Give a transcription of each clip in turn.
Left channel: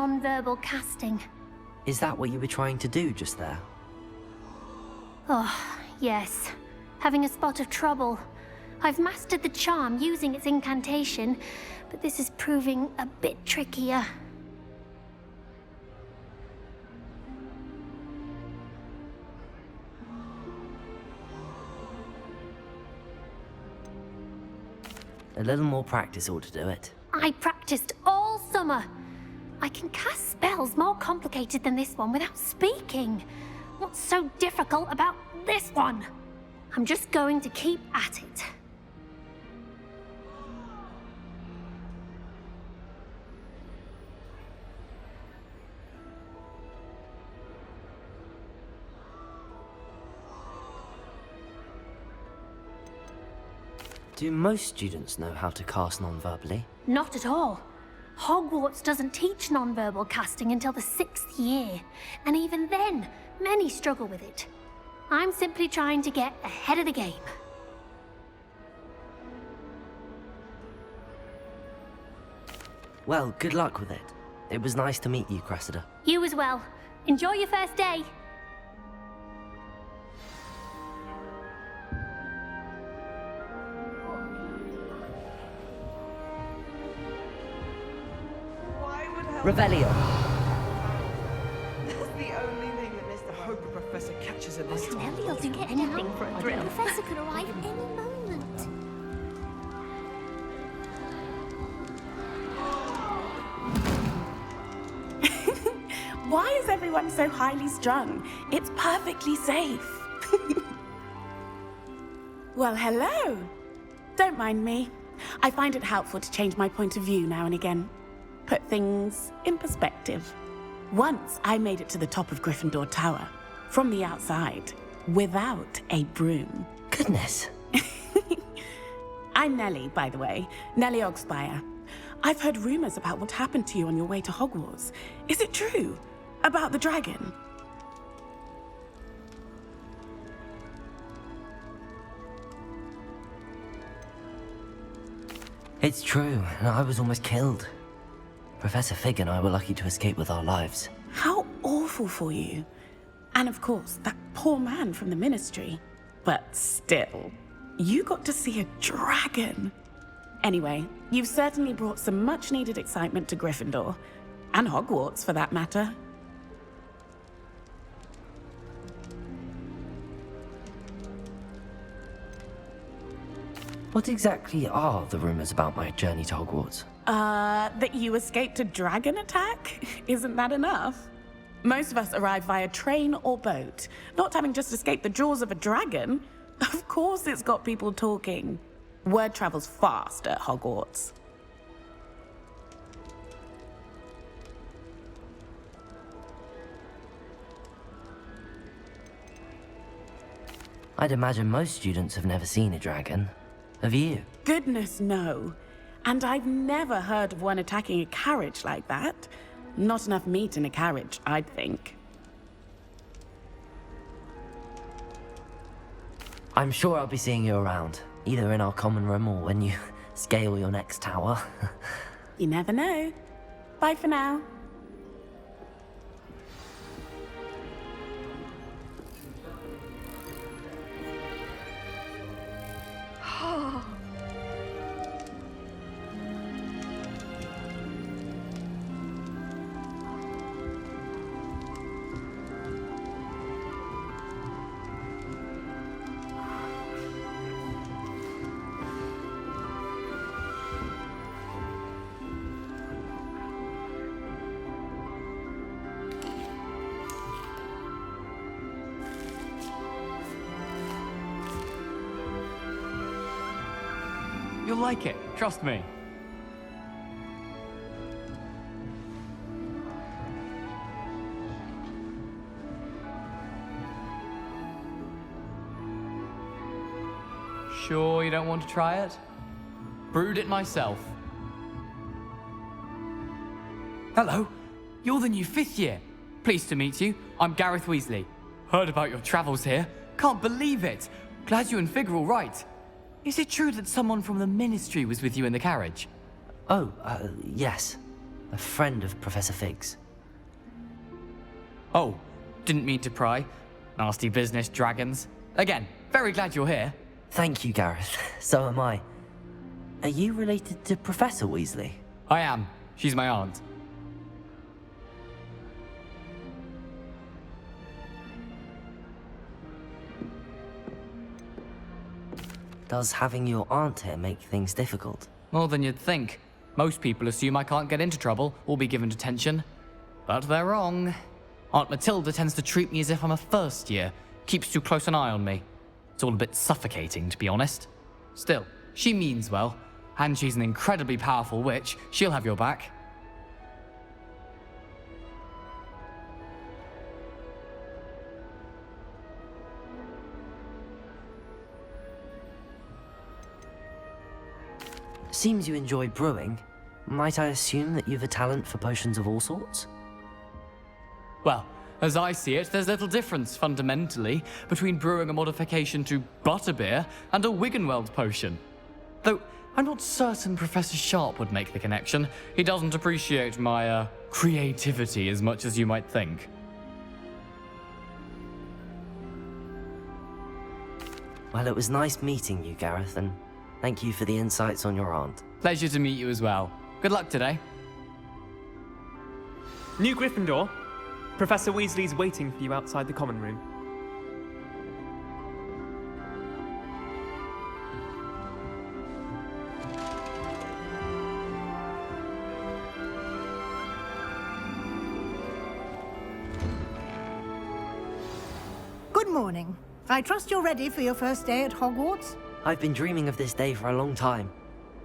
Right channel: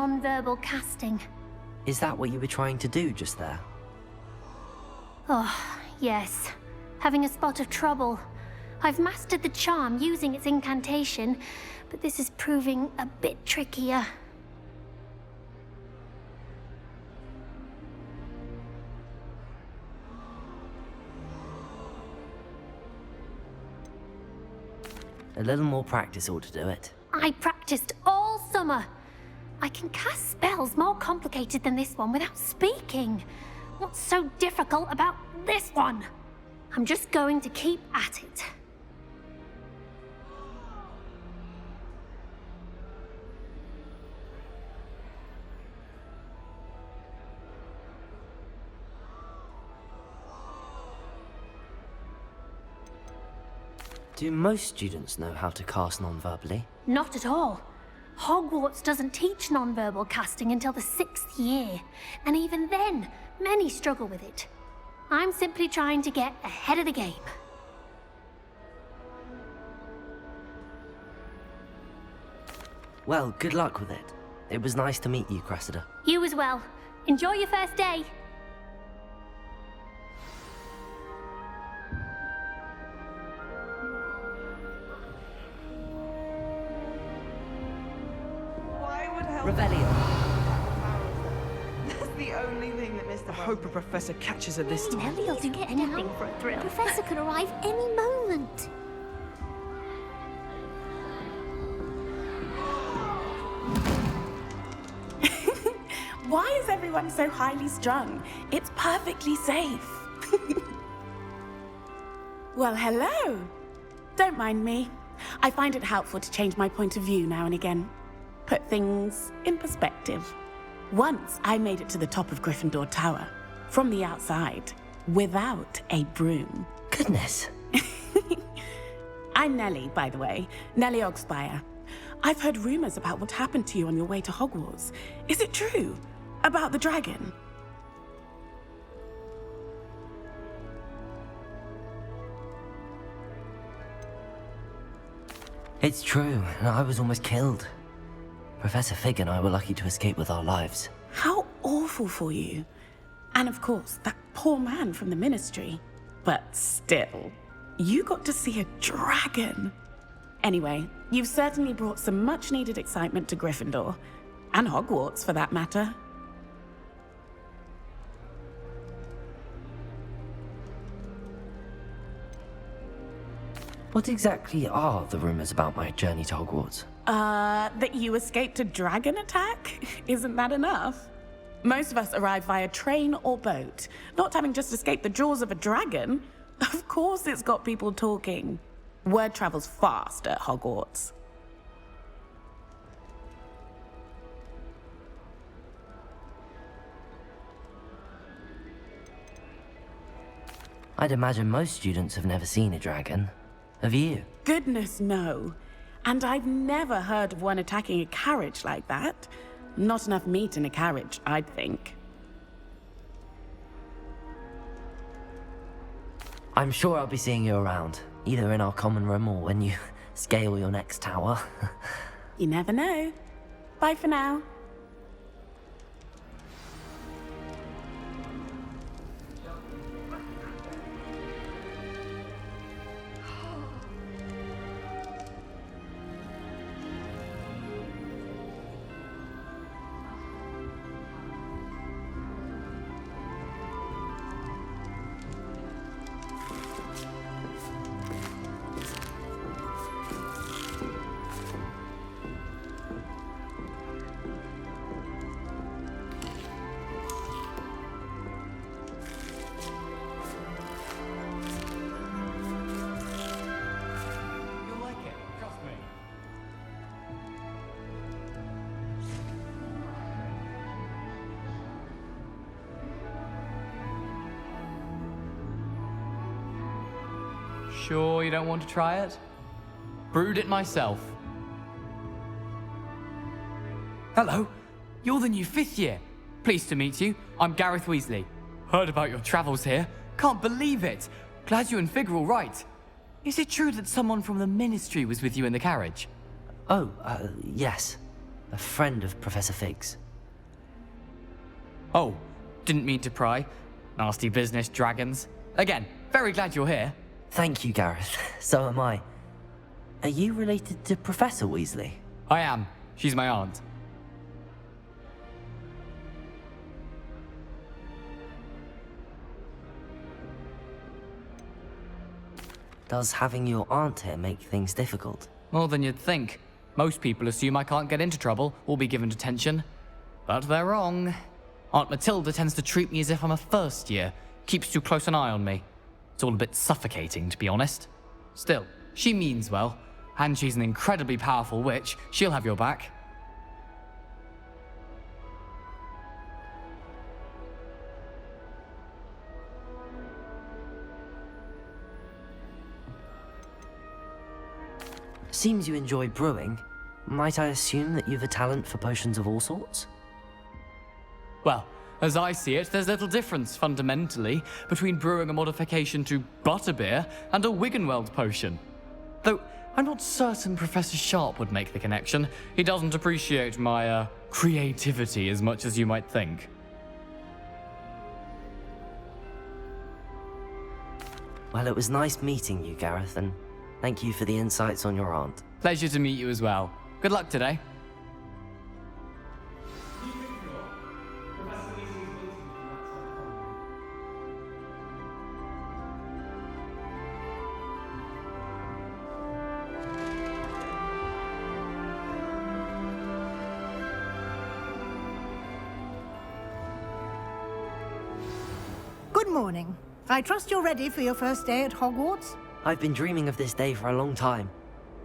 non-verbal casting. Is that what you were trying to do just there? Oh, yes. Having a spot of trouble. I've mastered the charm using its incantation, but this is proving a bit trickier. A little more practice ought to do it. I practiced all summer. I can cast spells more complicated than this one without speaking. What's so difficult about this one? I'm just going to keep at it. Do most students know how to cast non-verbally? Not at all. Hogwarts doesn't teach nonverbal casting until the 6th year, and even then, many struggle with it. I'm simply trying to get ahead of the game. Well, good luck with it. It was nice to meet you, Cressida. You as well. Enjoy your first day. Revelio. That's the only thing that Mr. I hope a professor catches her this time. Nelly'll do anything for a thrill. Professor could arrive any moment. Why is everyone so highly strung? It's perfectly safe. Well, hello. Don't mind me. I find it helpful to change my point of view now and again. Put things in perspective. Once I made it to the top of Gryffindor Tower, from the outside, without a broom. Goodness. I'm Nellie, by the way. Nellie Ogspire. I've heard rumors about what happened to you on your way to Hogwarts. Is it true? About the dragon? It's true, and I was almost killed. Professor Fig and I were lucky to escape with our lives. How awful for you. And of course, that poor man from the Ministry. But still, you got to see a dragon. Anyway, you've certainly brought some much-needed excitement to Gryffindor. And Hogwarts, for that matter. What exactly are the rumors about my journey to Hogwarts? That you escaped a dragon attack? Isn't that enough? Most of us arrive via train or boat, not having just escaped the jaws of a dragon. Of course it's got people talking. Word travels fast at Hogwarts. I'd imagine most students have never seen a dragon. Have you? Goodness, no. And I've never heard of one attacking a carriage like that. Not enough meat in a carriage, I'd think. I'm sure I'll be seeing you around, either in our common room or when you scale your next tower. You never know. Bye for now. You'll like it, trust me. Sure you don't want to try it? Brewed it myself. Hello, you're the new 5th year. Pleased to meet you. I'm Gareth Weasley. Heard about your travels here. Can't believe it. Glad you and Fig are all right. Is it true that someone from the Ministry was with you in the carriage? Oh, yes. a friend of Professor Fig's. Oh, didn't mean to pry. Nasty business, dragons. Again, very glad you're here. Thank you, Gareth. So am I. Are you related to Professor Weasley? I am. She's my aunt. Does having your aunt here make things difficult? More than you'd think. Most people assume I can't get into trouble or be given detention. But they're wrong. Aunt Matilda tends to treat me as if I'm a first year, keeps too close an eye on me. It's all a bit suffocating, to be honest. Still, she means well, and she's an incredibly powerful witch. She'll have your back. Seems you enjoy brewing. Might I assume that you've a talent for potions of all sorts? Well, as I see it, there's little difference, fundamentally, between brewing a modification to butterbeer and a Wiggenweld potion. Though, I'm not certain Professor Sharp would make the connection. He doesn't appreciate my, creativity as much as you might think. Well, it was nice meeting you, Gareth, and thank you for the insights on your aunt. Pleasure to meet you as well. Good luck today. New Gryffindor. Professor Weasley's waiting for you outside the common room. Good morning. I trust you're ready for your first day at Hogwarts? I've been dreaming of this day for a long time.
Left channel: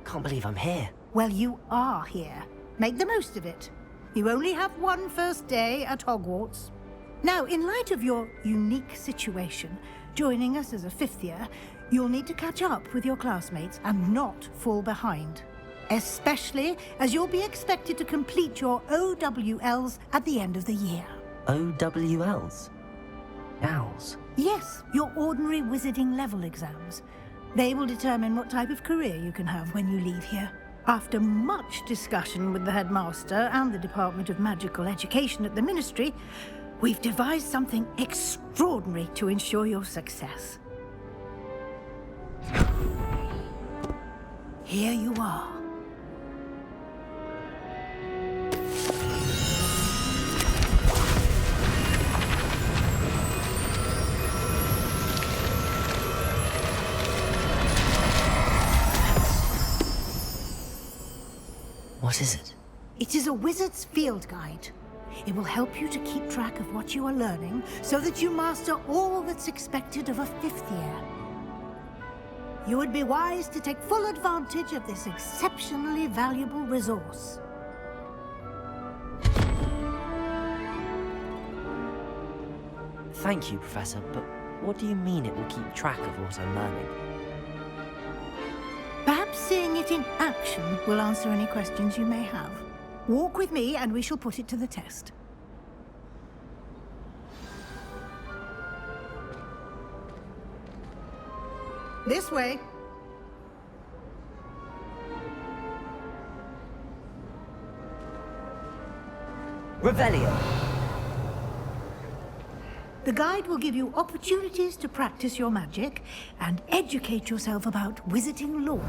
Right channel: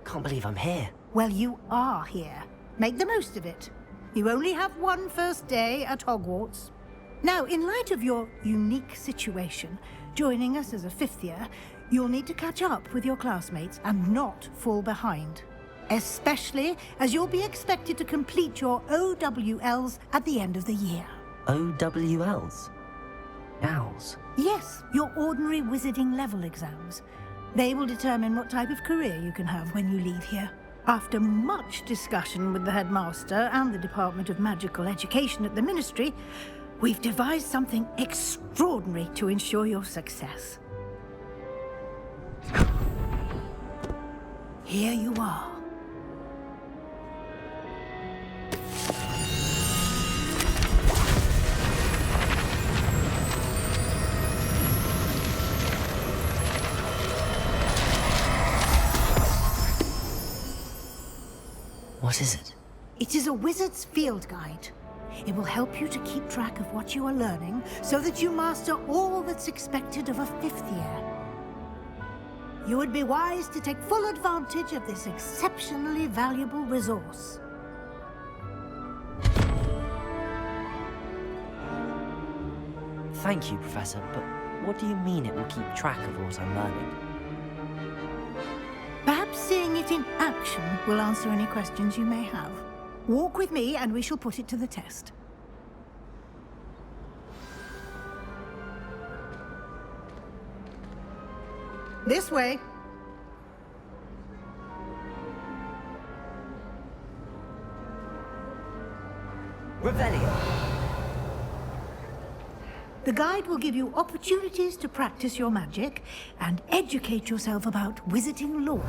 Can't believe I'm here. Well, you are here. Make the most of it. You only have one first day at Hogwarts. Now, in light of your unique situation, joining us as a fifth year, you'll need to catch up with your classmates and not fall behind. Especially as you'll be expected to complete your OWLs at the end of the year. OWLs? Owls? Yes, your ordinary wizarding level exams. They will determine what type of career you can have when you leave here. After much discussion with the headmaster and the Department of Magical Education at the Ministry, we've devised something extraordinary to ensure your success. Here you are. What is it? It is a wizard's field guide. It will help you to keep track of what you are learning so that you master all that's expected of a fifth year. You would be wise to take full advantage of this exceptionally valuable resource. Thank you, Professor, but what do you mean it will keep track of what I'm learning? Perhaps seeing it in action will answer any questions you may have. Walk with me and we shall put it to the test. This way. Revelio! The guide will give you opportunities to practice your magic and educate yourself about wizarding lore.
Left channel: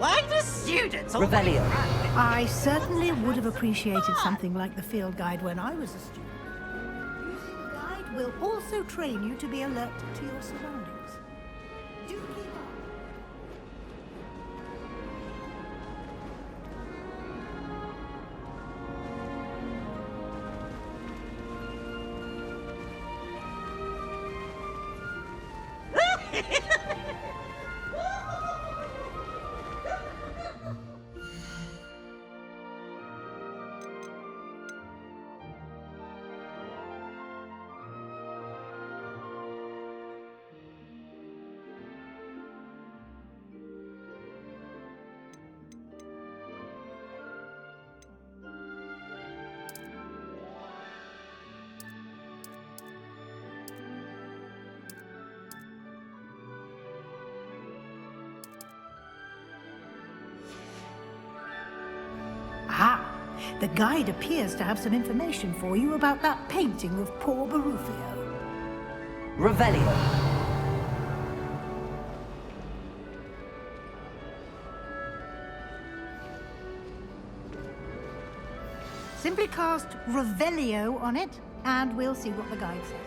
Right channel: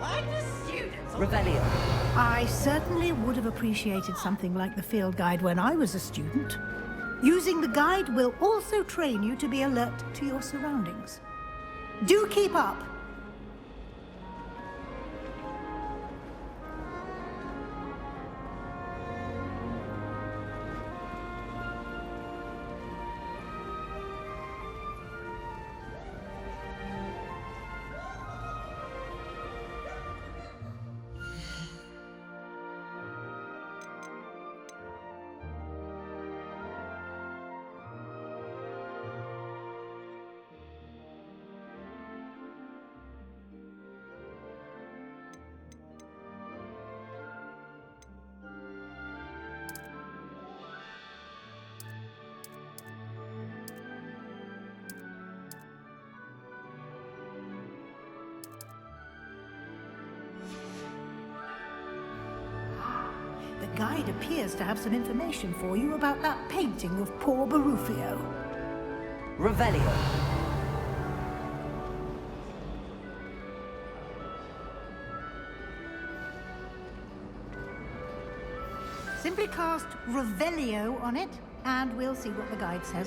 Like the students. Revelio! I certainly would have appreciated something like the field guide when I was a student. Using the guide will also train you to be alert to your surroundings. Do keep up. The guide appears to have some information for you about that painting of poor Barufio. Revelio. Simply cast Revelio on it, and we'll see what the guide says.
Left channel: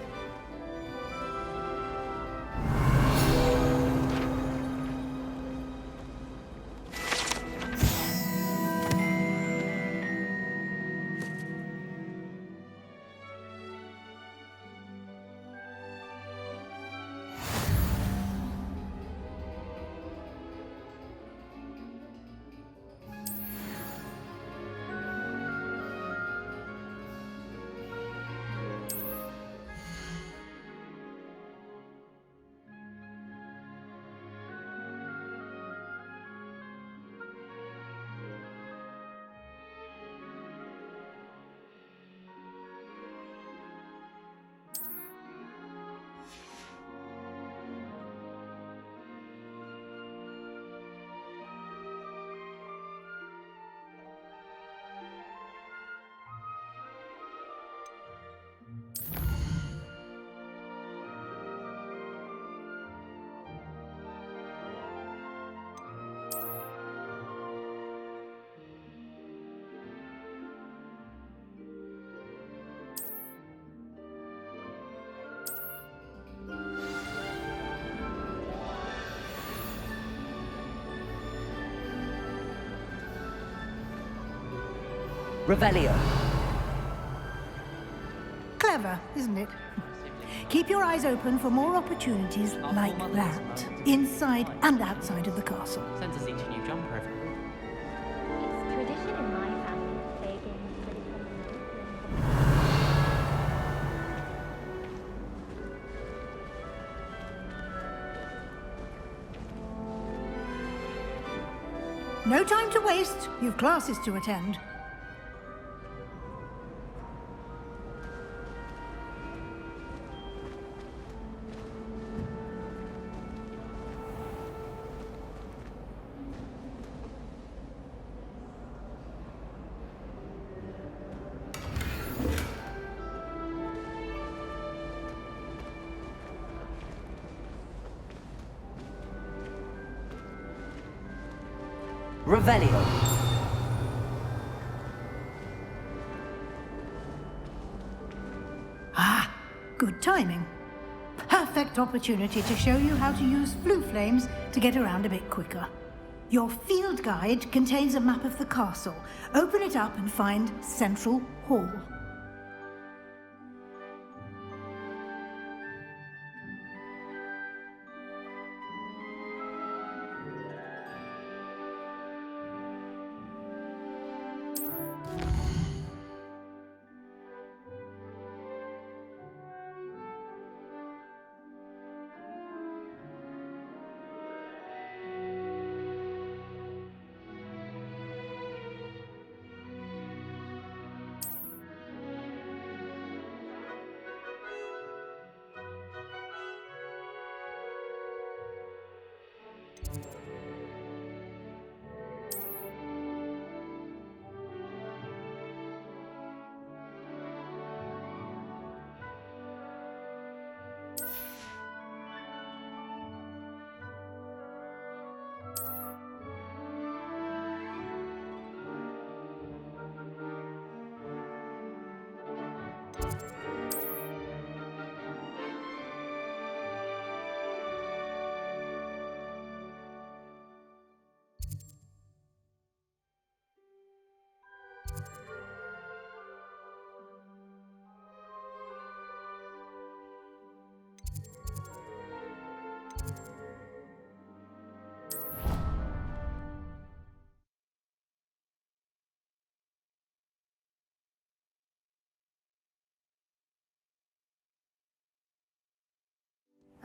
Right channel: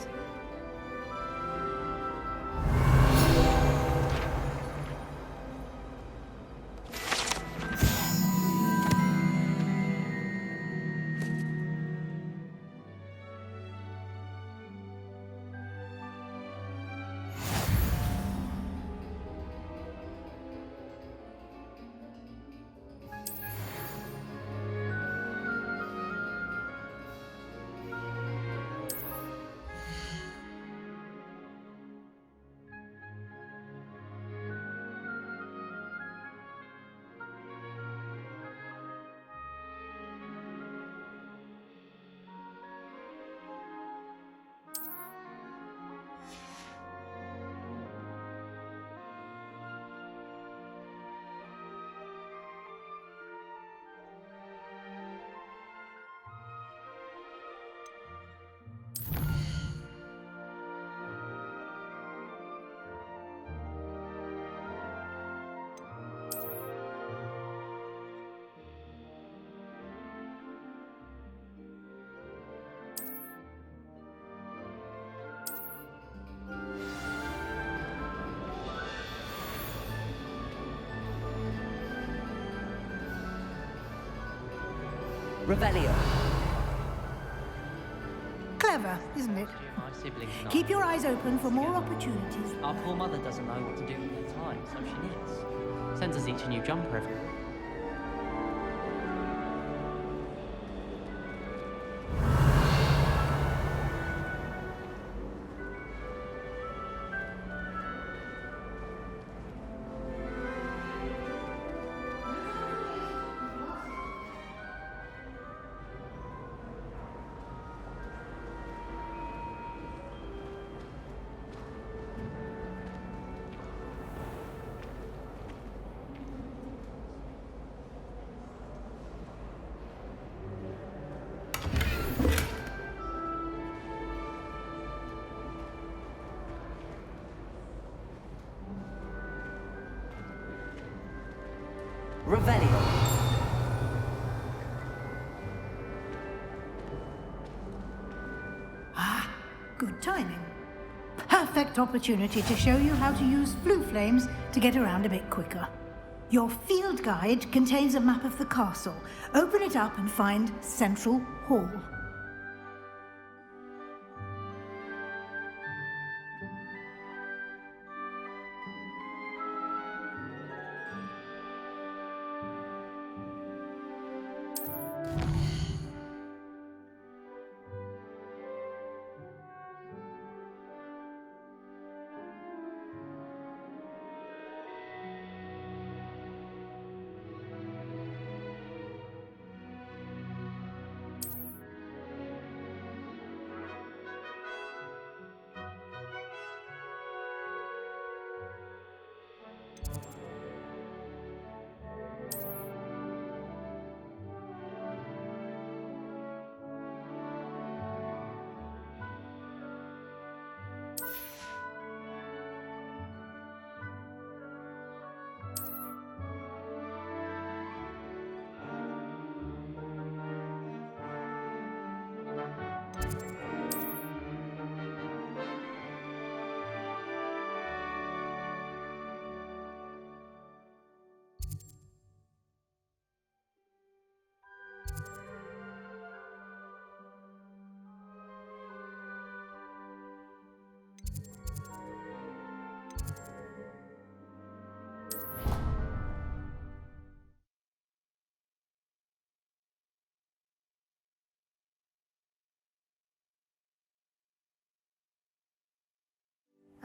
Revelio. Clever, isn't it? Keep your eyes open for more opportunities Our like poor mother doesn't know that, what to do inside with and life. outside of the castle. Sends us each a new jumper every week. No time to waste. You've classes to attend. Revelio. Ah, good timing. Perfect opportunity to show you how to use flue flames to get around a bit quicker. Your field guide contains a map of the castle. Open it up and find Central Hall.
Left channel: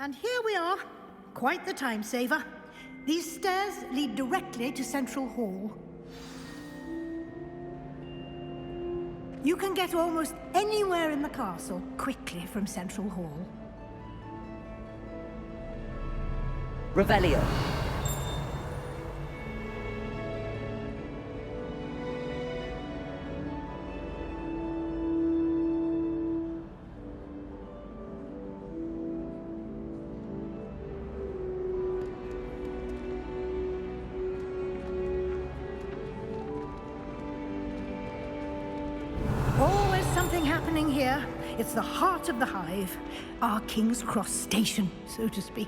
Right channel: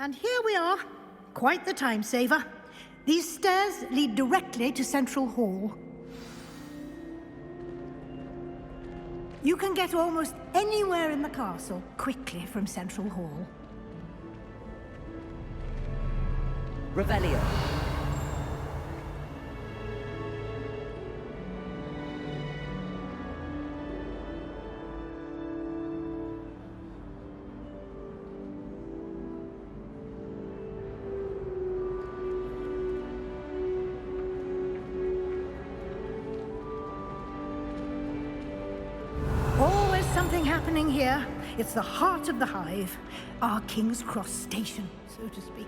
And here we are. Quite the time saver. These stairs lead directly to Central Hall. You can get almost anywhere in the castle quickly from Central Hall. Revelio. something happening here. It's the heart of the hive. Our King's Cross station, so to speak.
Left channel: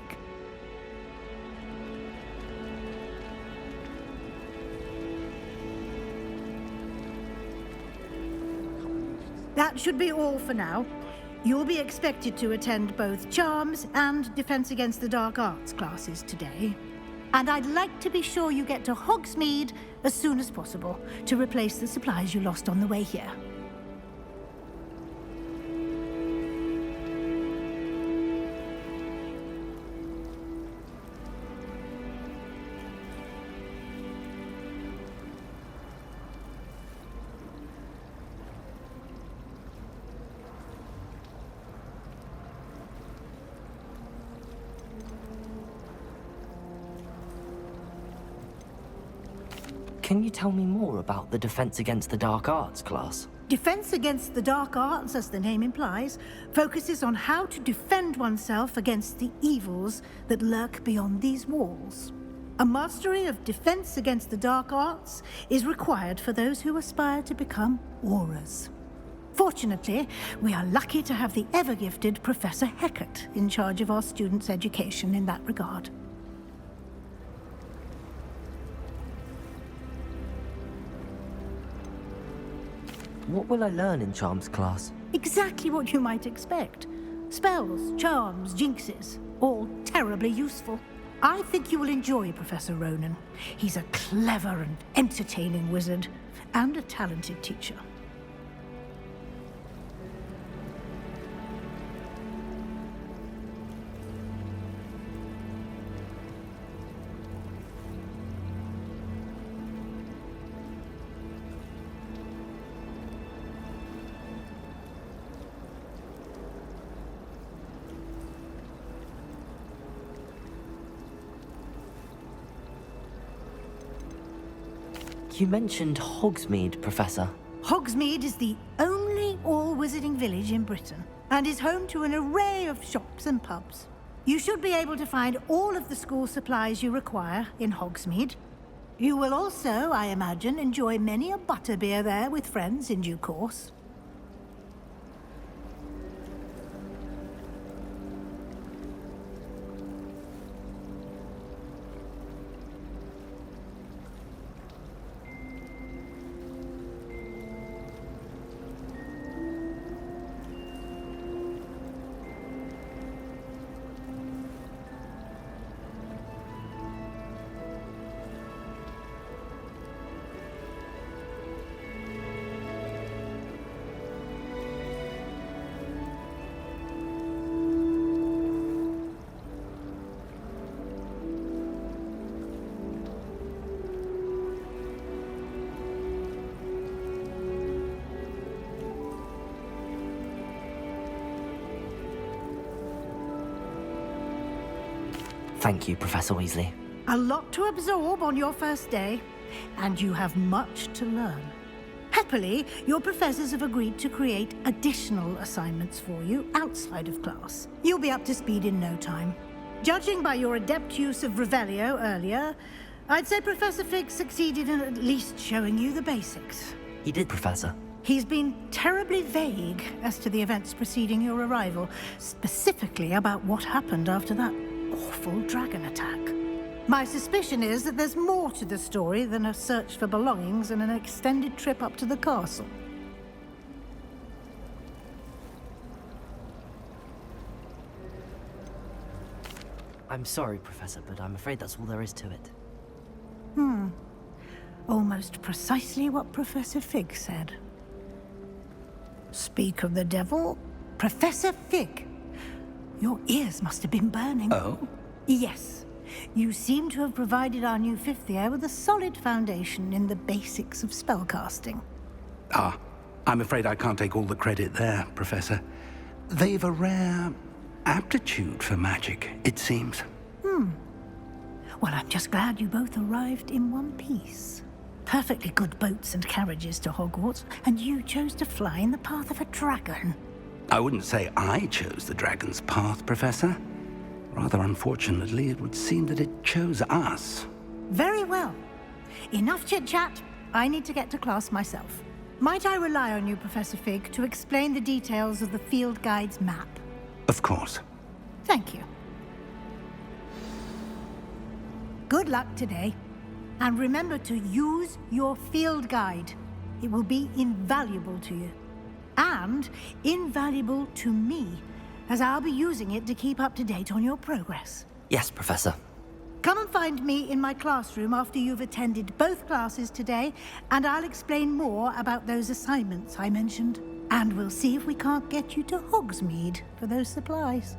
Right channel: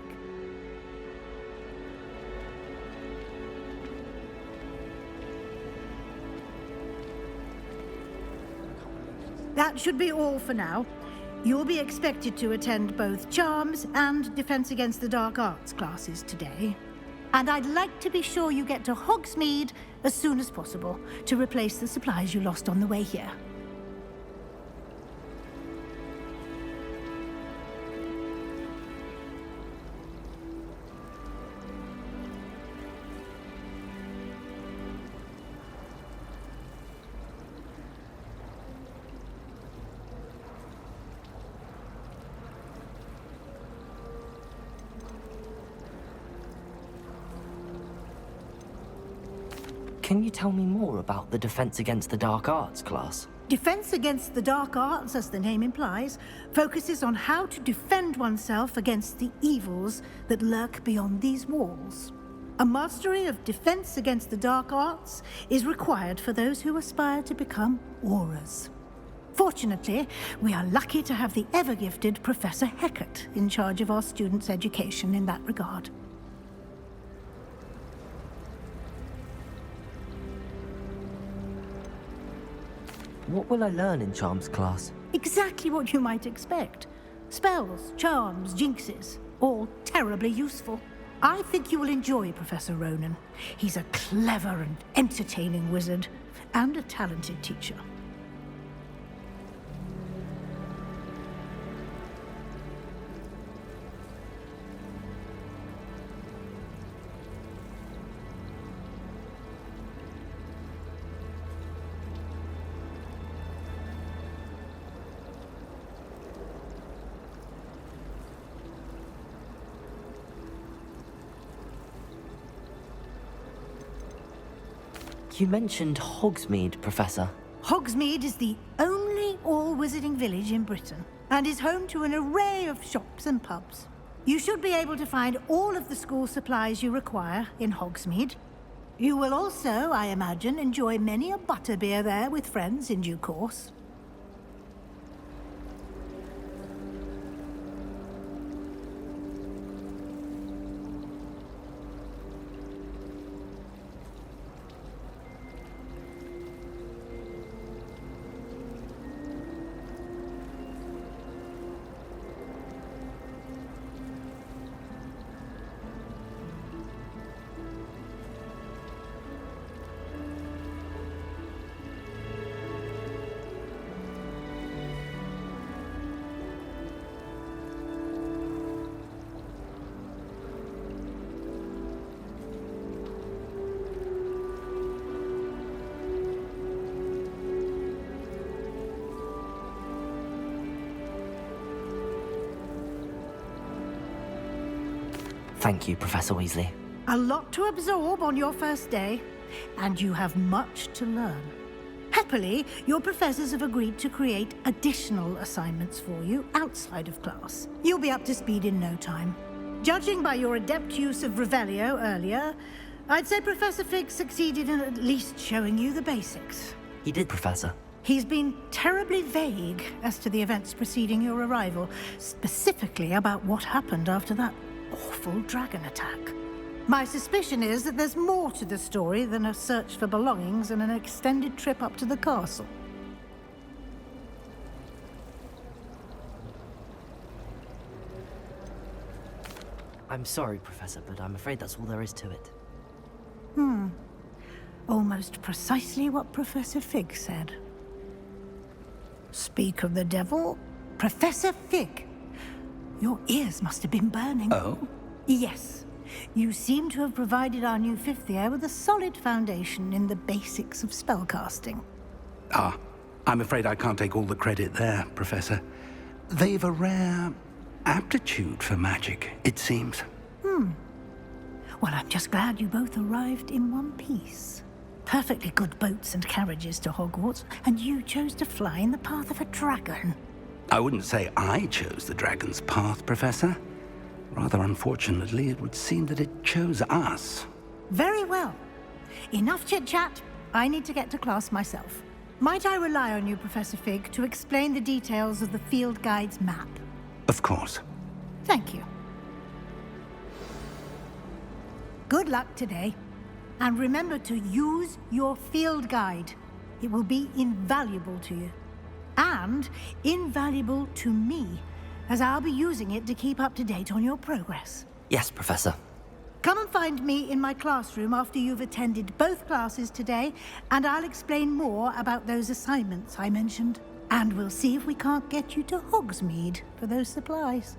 That should be all for now. You'll be expected to attend both Charms and Defense Against the Dark Arts classes today. And I'd like to be sure you get to Hogsmeade as soon as possible to replace the supplies you lost on the way here. Can you tell me more about the Defense Against the Dark Arts class? Defense Against the Dark Arts, as the name implies, focuses on how to defend oneself against the evils that lurk beyond these walls. A mastery of Defense Against the Dark Arts is required for those who aspire to become Aurors. Fortunately, we are lucky to have the ever-gifted Professor Hecat in charge of our students' education in that regard. What will I learn in Charms class? Exactly what you might expect. Spells, charms, jinxes, all terribly useful. I think you will enjoy Professor Ronan. He's a clever and entertaining wizard, and a talented teacher. You mentioned Hogsmeade, Professor. Hogsmeade is the only all-wizarding village in Britain, and is home to an array of shops and pubs. You should be able to find all of the school supplies you require in Hogsmeade. You will also, I imagine, enjoy many a butterbeer there with friends in due course. Thank you, Professor Weasley. A lot to absorb on your first day, and you have much to learn. Happily, your professors have agreed to create additional assignments for you outside of class. You'll be up to speed in no time. Judging by your adept use of Revelio earlier, I'd say Professor Fig succeeded in at least showing you the basics. He did, Professor. He's been terribly vague as to the events preceding your arrival, specifically about what happened after that awful dragon attack. My suspicion is that there's more to the story than a search for belongings and an extended trip up to the castle. I'm sorry, Professor, but I'm afraid that's all there is to it. Almost precisely what Professor Fig said. Speak of the devil, Professor Fig. Your ears must have been burning. Oh? Yes. You seem to have provided our new fifth year with a solid foundation in the basics of spellcasting. Ah, I'm afraid I can't take all the credit there, Professor. They've a rare aptitude for magic, it seems. Well, I'm just glad you both arrived in one piece. Perfectly good boats and carriages to Hogwarts, and you chose to fly in the path of a dragon. I wouldn't say I chose the dragon's path, Professor. Rather unfortunately, it would seem that it chose us. Very well. Enough chit-chat. I need to get to class myself. Might I rely on you, Professor Fig, to explain the details of the field guide's map? Of course. Thank you. Good luck today. And remember to use your field guide. It will be invaluable to you. And invaluable to me, as I'll be using it to keep up to date on your progress. Yes, Professor. Come and find me in my classroom after you've attended both classes today, and I'll explain more about those assignments I mentioned. And we'll see if we can't get you to Hogsmeade for those supplies.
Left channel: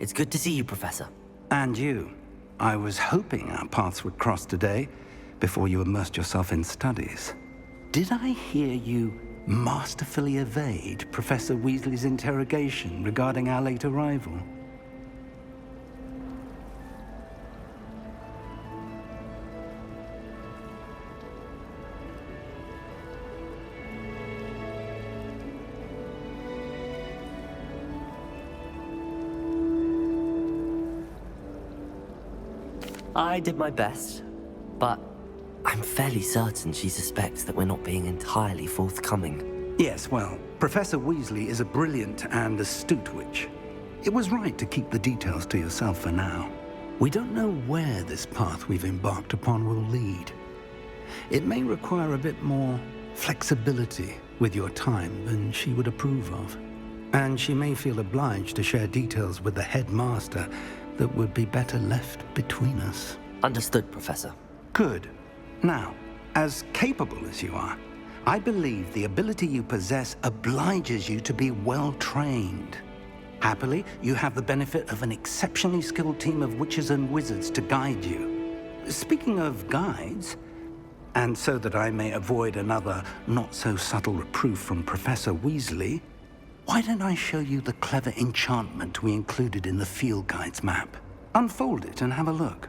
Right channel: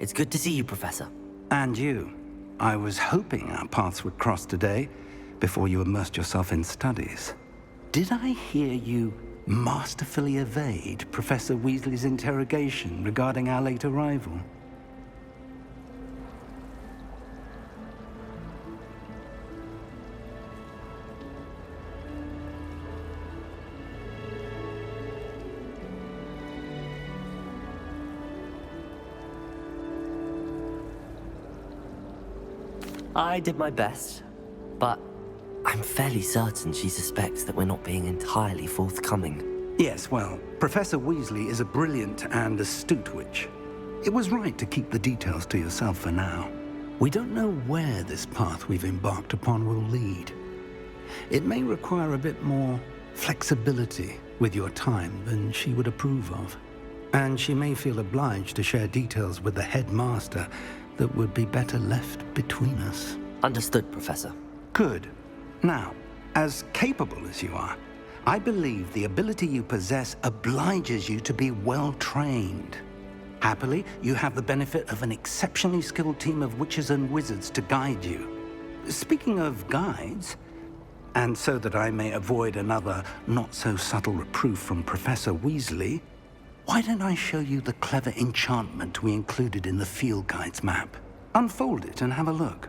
It's good to see you, Professor. And you. I was hoping our paths would cross today, before you immersed yourself in studies. Did I hear you masterfully evade Professor Weasley's interrogation regarding our late arrival? I did my best, but I'm fairly certain she suspects that we're not being entirely forthcoming. Yes, well, Professor Weasley is a brilliant and astute witch. It was right to keep the details to yourself for now. We don't know where this path we've embarked upon will lead. It may require a bit more flexibility with your time than she would approve of. And she may feel obliged to share details with the headmaster that would be better left between us. Understood, Professor. Good. Now, as capable as you are, I believe the ability you possess obliges you to be well trained. Happily, you have the benefit of an exceptionally skilled team of witches and wizards to guide you. Speaking of guides, and so that I may avoid another not-so-subtle reproof from Professor Weasley, why don't I show you the clever enchantment we included in the field guide's map? Unfold it and have a look.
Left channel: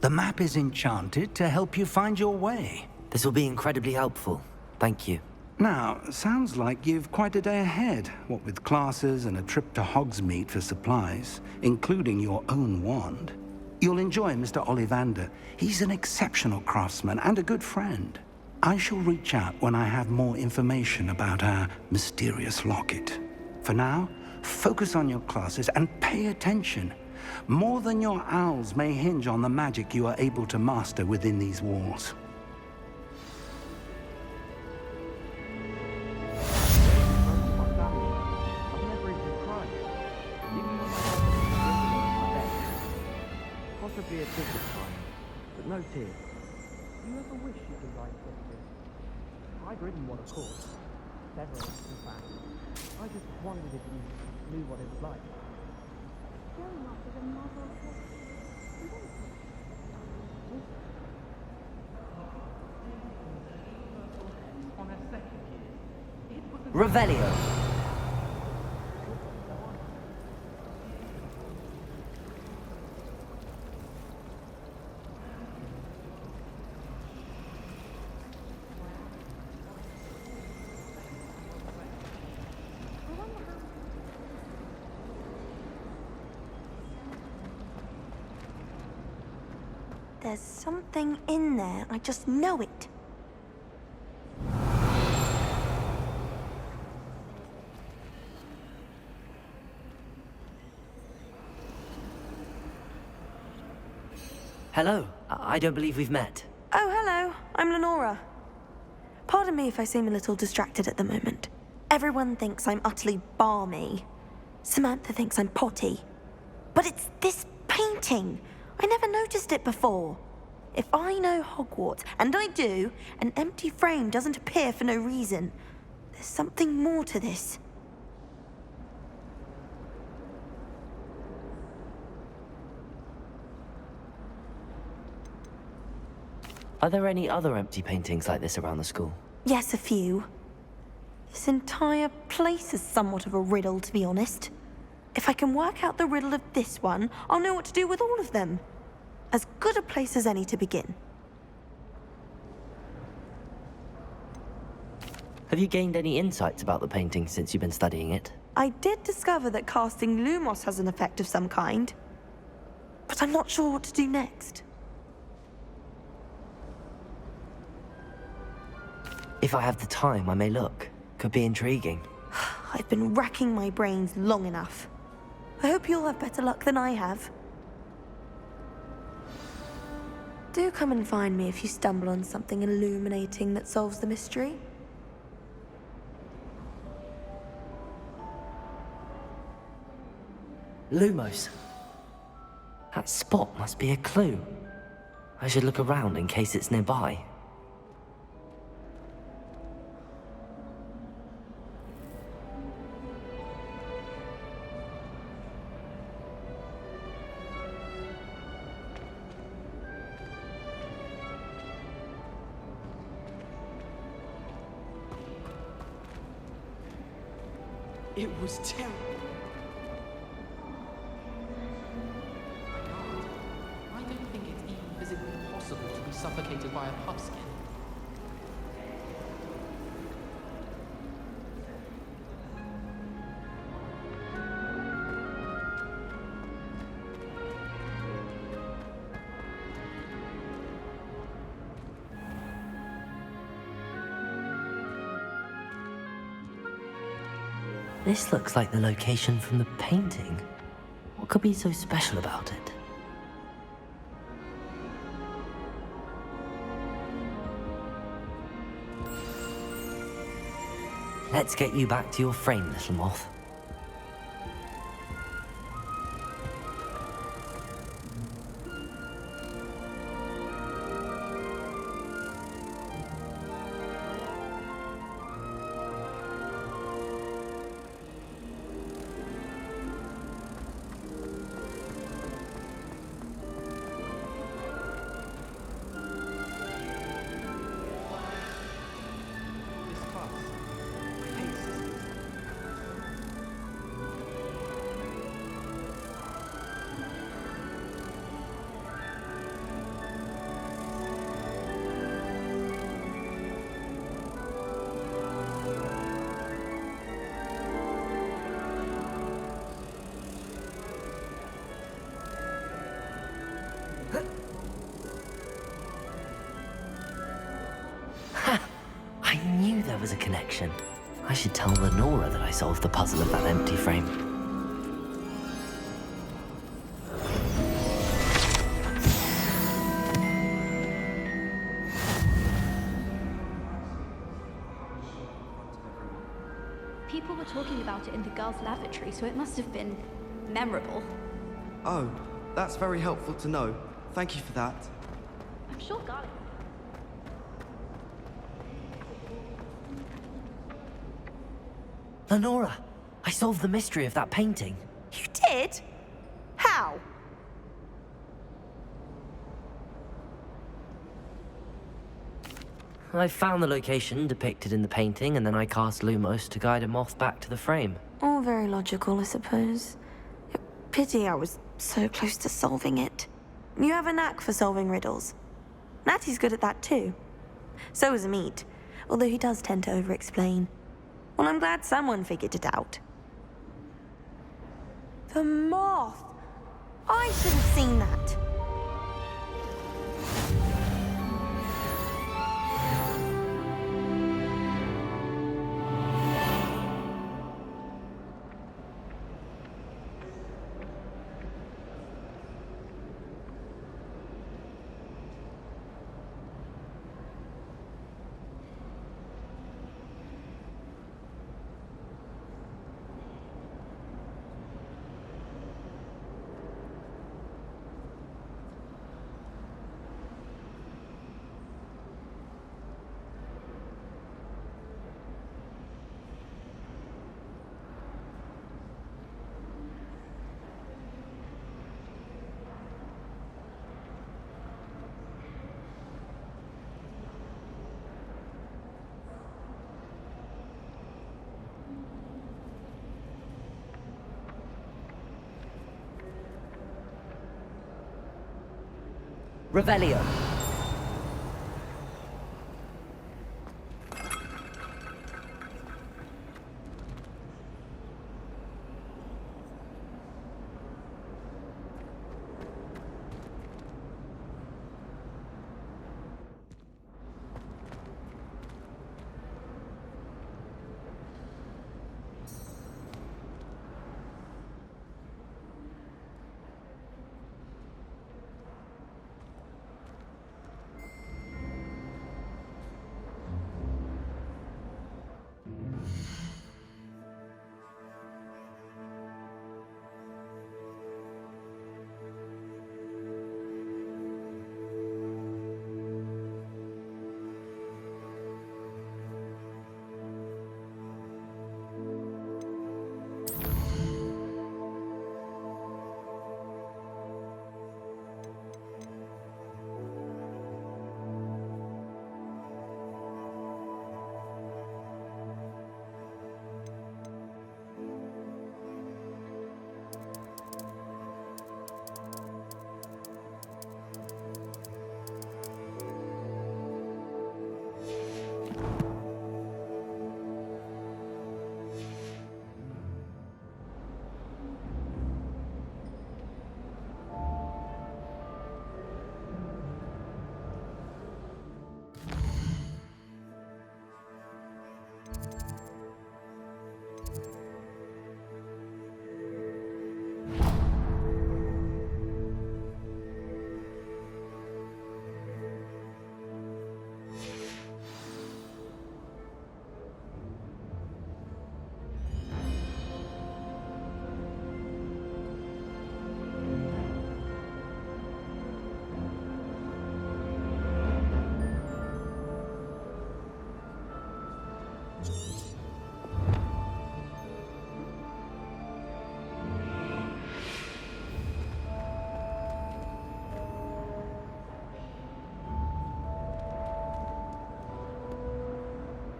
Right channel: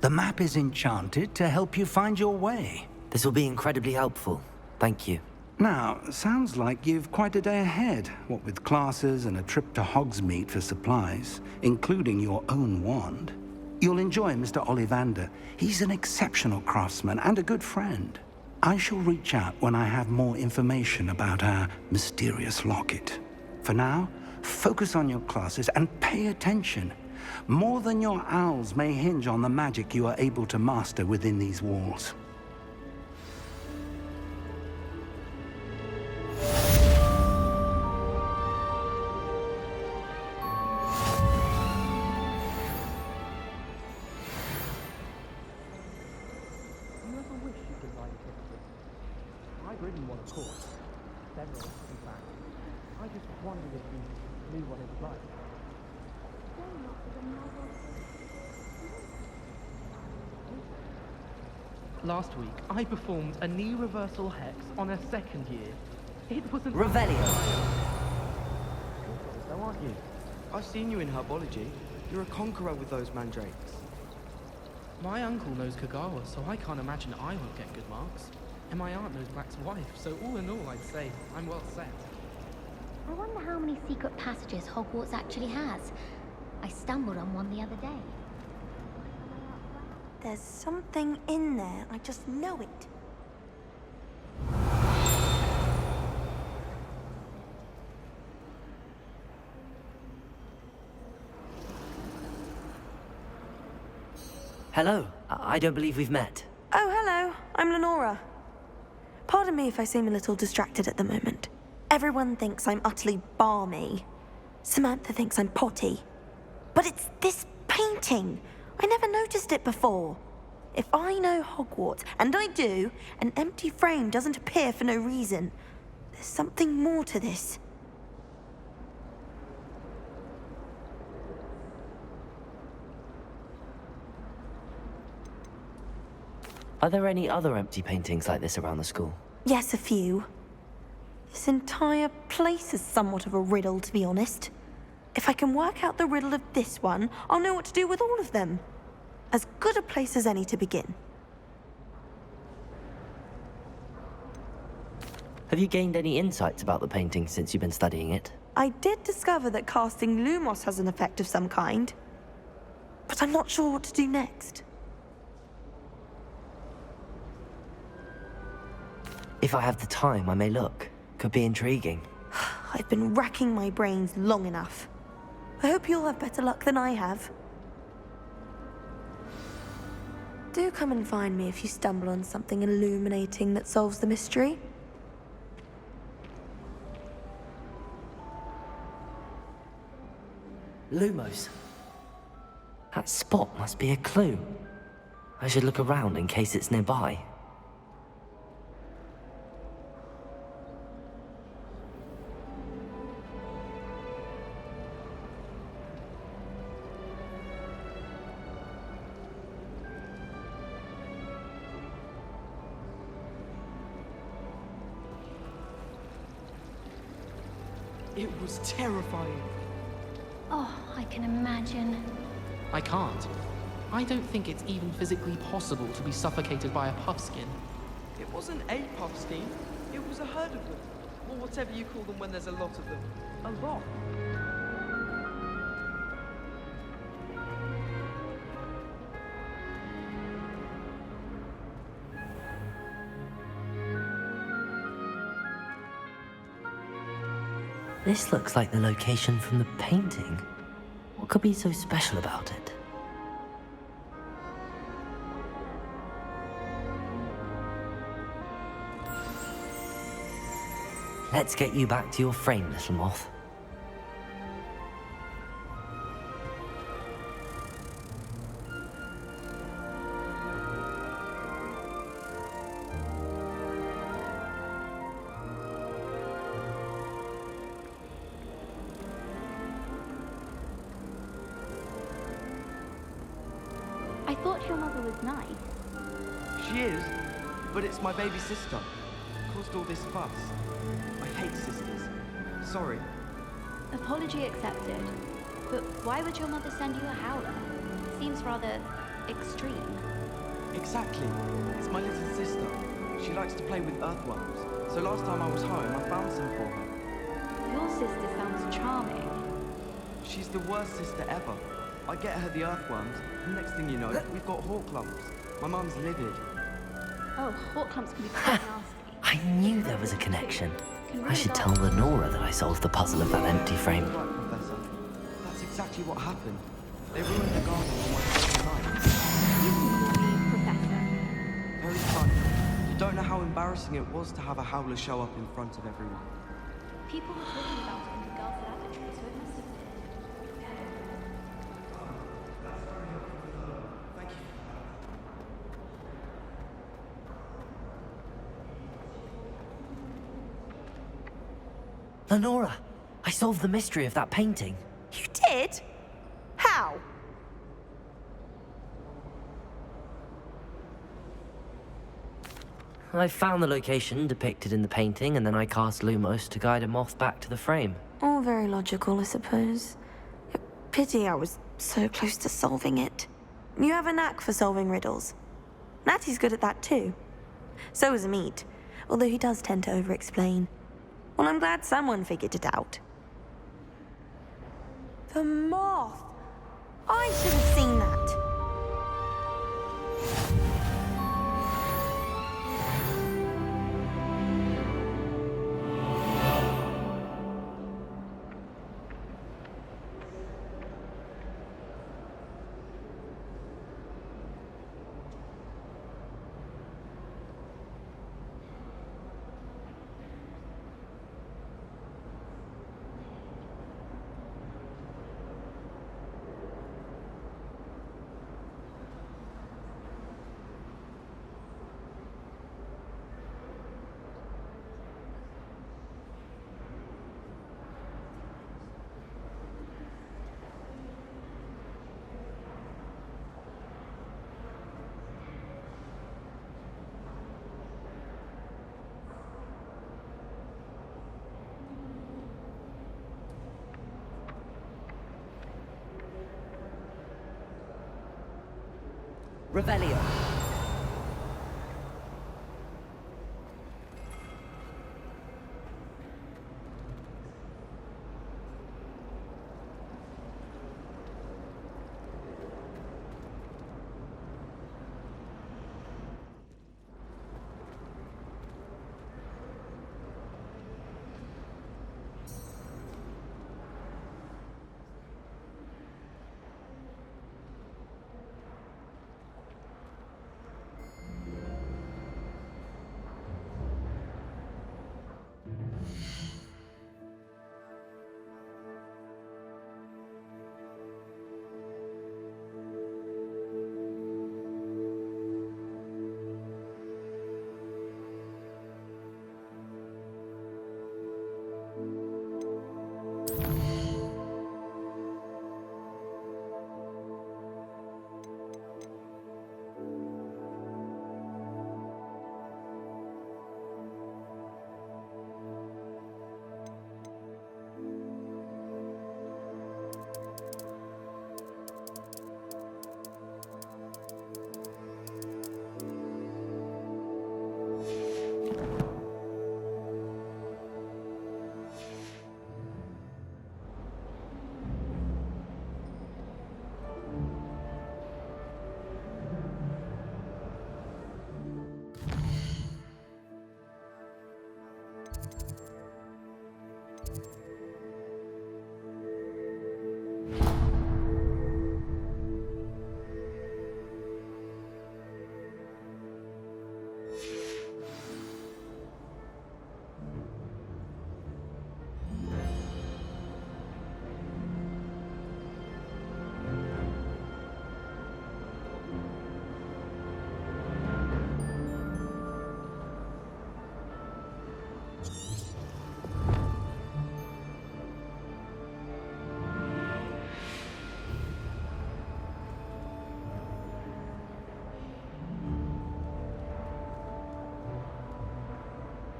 The map is enchanted to help you find your way. This will be incredibly helpful. Thank you. Now, sounds like you've quite a day ahead, what with classes and a trip to Hogsmeade for supplies, including your own wand. You'll enjoy Mr. Ollivander. He's an exceptional craftsman and a good friend. I shall reach out when I have more information about our mysterious locket. For now, focus on your classes and pay attention. More than your owls may hinge on the magic you are able to master within these walls. Possibly a different one, but no tears. Do you ever wish you could ride a different? I've ridden one, of course. Several, in fact. I just wondered if you knew what it was like. Last week, I performed a knee reversal hex on a second year. It wasn't... Revelio. Though, aren't you? I've seen you in herbology. You're a conqueror with those mandrakes. My uncle knows Kagawa, so I can't imagine I will get good marks. And my aunt knows Mac's wife, so all in all, I'd say I'm well set. I wonder how many secret passages Hogwarts actually has. I stumbled on one the other day. There's something in there, I just know it. Hello. I don't believe we've met. Oh, hello. I'm Lenora. Pardon me if I seem a little distracted at the moment. Everyone thinks I'm utterly balmy. Samantha thinks I'm potty. But it's this painting. I never noticed it before. If I know Hogwarts, and I do, an empty frame doesn't appear for no reason. There's something more to this. Are there any other empty paintings like this around the school? Yes, a few. This entire place is somewhat of a riddle, to be honest. If I can work out the riddle of this one, I'll know what to do with all of them. As good a place as any to begin. Have you gained any insights about the painting since you've been studying it? I did discover that casting Lumos has an effect of some kind. But I'm not sure what to do next. If I have the time, I may look. Could be intriguing. I've been racking my brains long enough. I hope you'll have better luck than I have. Do come and find me if you stumble on something illuminating that solves the mystery. Lumos. That spot must be a clue. I should look around in case it's nearby. It was terrifying. Oh, I can imagine. I can't. I don't think it's even physically possible to be suffocated by a puffskin. It wasn't a puffskin. It was a herd of them. Or whatever you call them when there's a lot of them. A rock. This looks like the location from the painting. What could be so special about it? Let's get you back to your frame, little moth. I thought your mother was nice. She is, but it's my baby sister. Caused all this fuss. I hate sisters. Sorry. Apology accepted. But why would your mother send you a howler? Seems rather extreme. Exactly. It's my little sister. She likes to play with earthworms. So last time I was home, I found some. Your sister sounds charming. She's the worst sister ever. I get her the earthworms, and next thing you know, we've got Horcrux. My mum's livid. Oh, Horcrux can be quite nasty. I knew there was a connection. I should tell Lenora that I solved the puzzle of that empty frame. That's exactly what happened. You don't know how embarrassing it was to have a howler show up in front of everyone. People were talking about it in the girls' lavatory, so it must have been memorable. Oh, that's very helpful to know. Thank you for that. I'm sure God. Lenora, I solved the mystery of that painting. You did? How? I found the location depicted in the painting, and then I cast Lumos to guide a moth back to the frame. All very logical, I suppose. Pity I was so close to solving it. You have a knack for solving riddles. Natty's good at that too. So is Amit, although he does tend to over-explain. Well, I'm glad someone figured it out. The moth! I should have seen that. Revelio.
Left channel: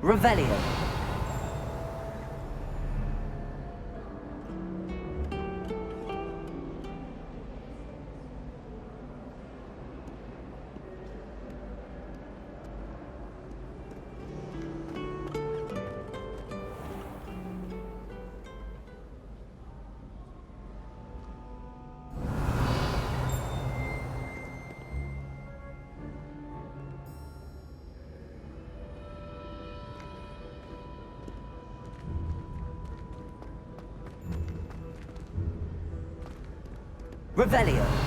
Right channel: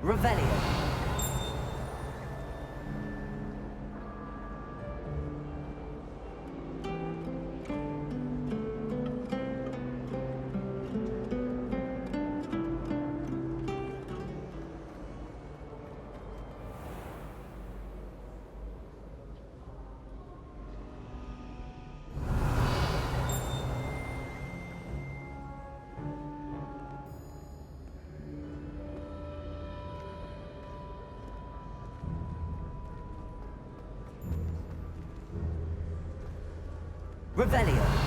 Revelio. Revelio.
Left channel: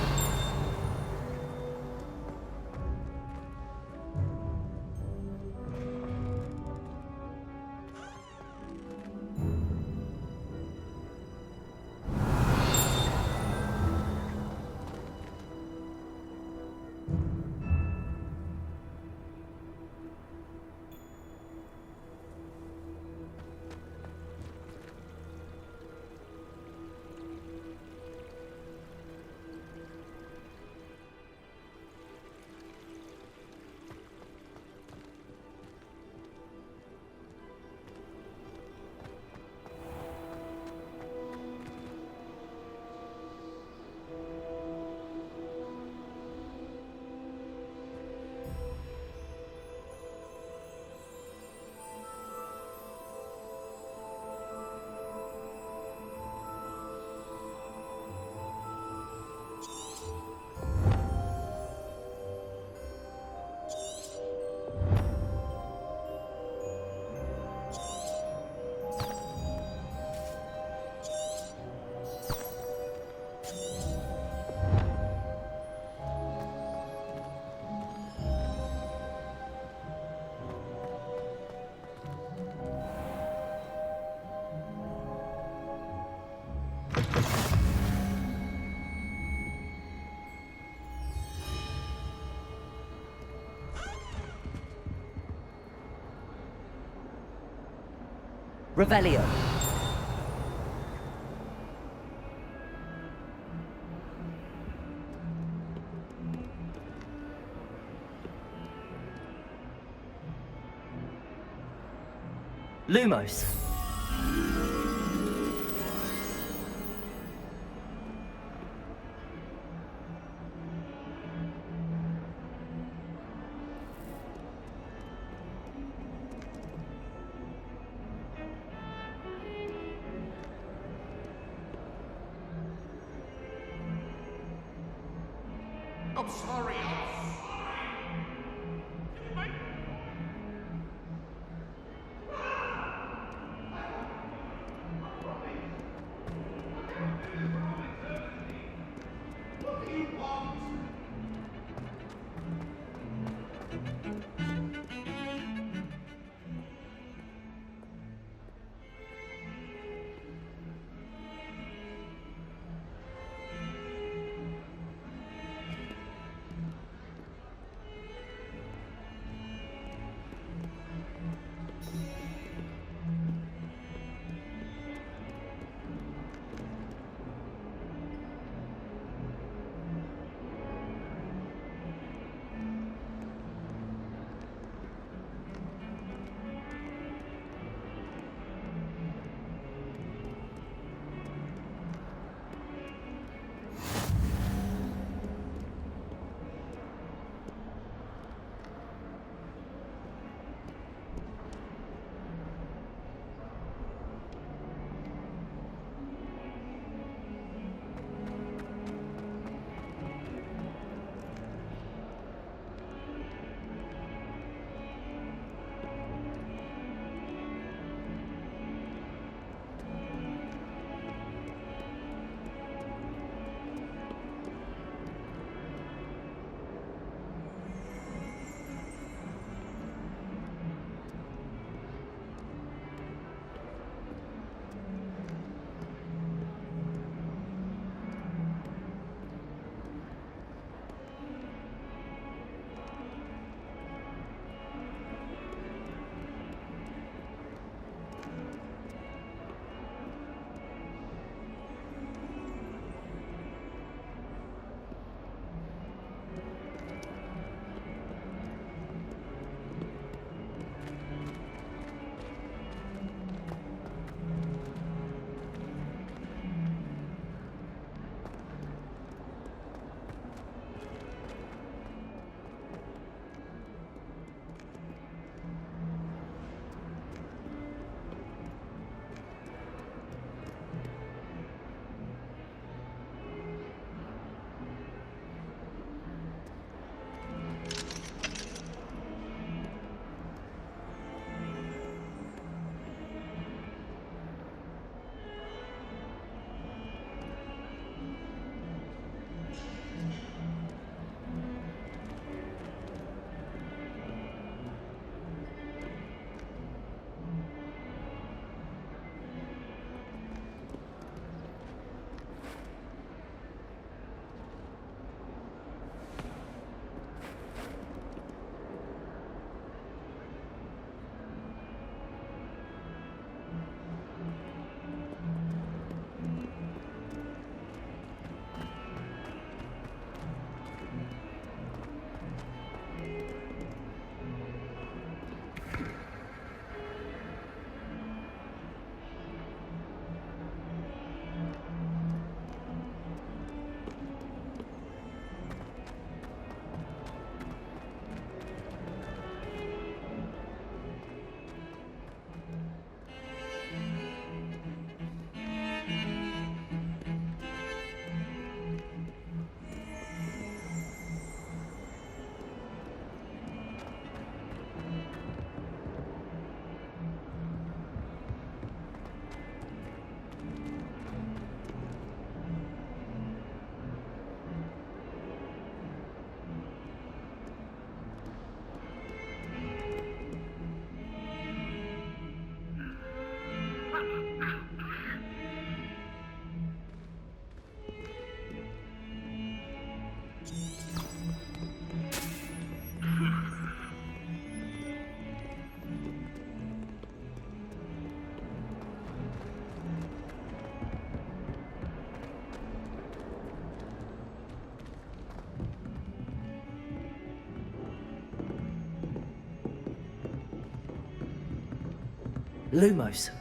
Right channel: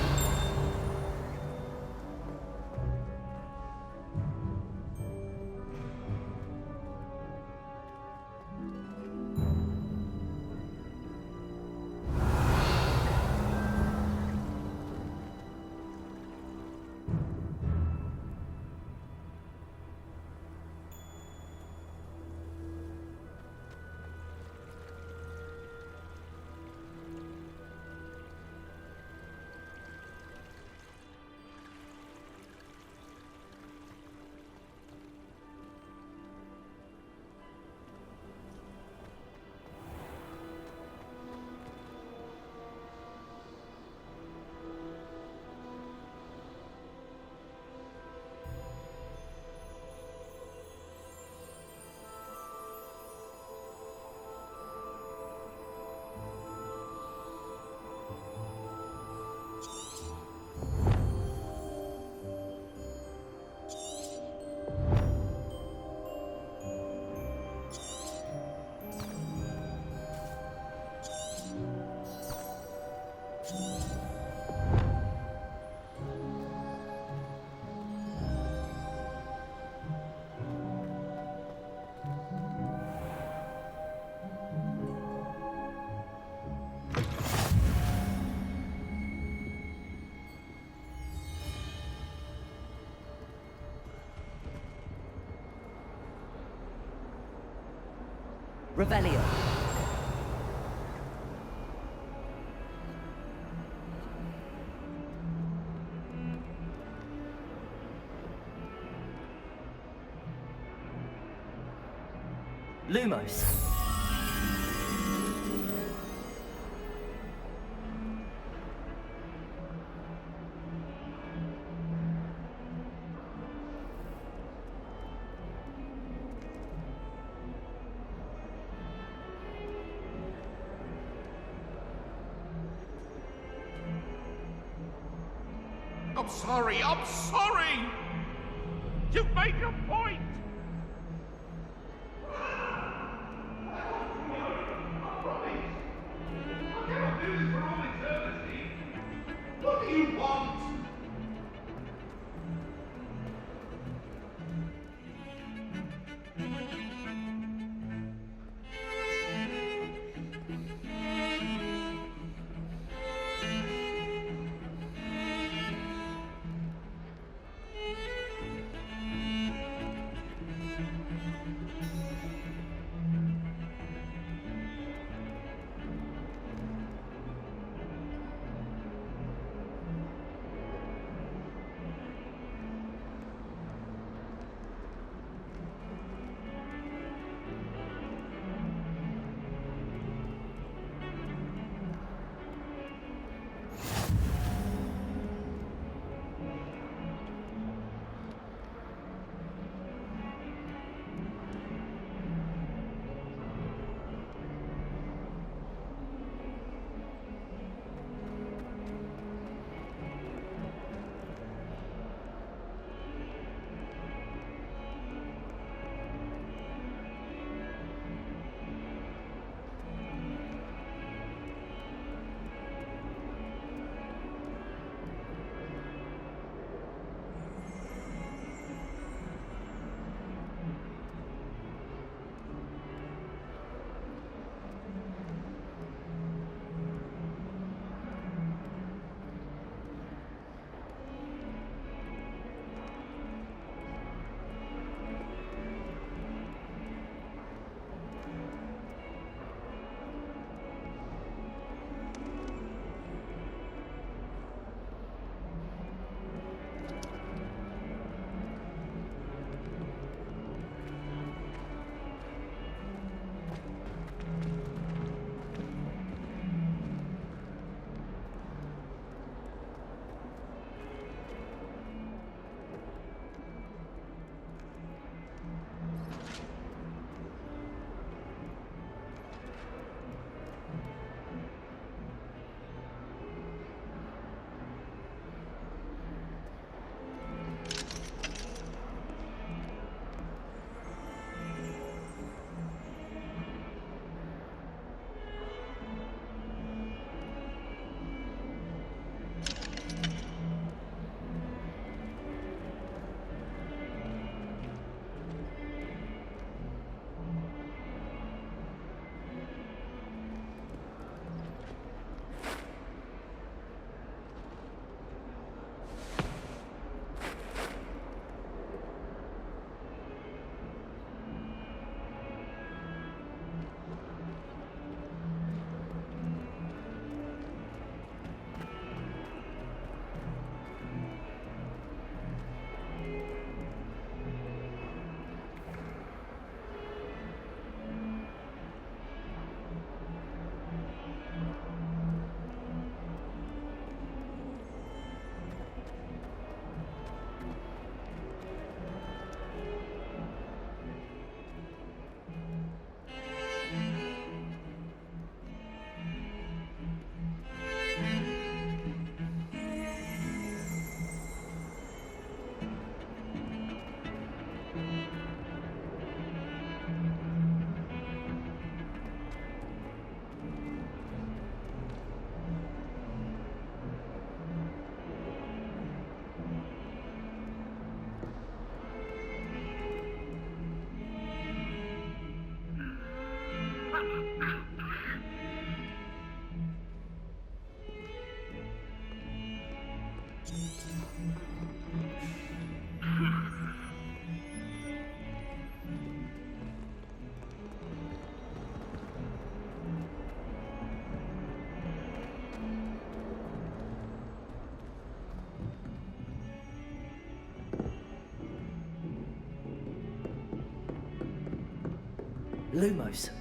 Revelio. Lumos. I'm sorry, I'm sorry! You make a point! What do you want? Lumos.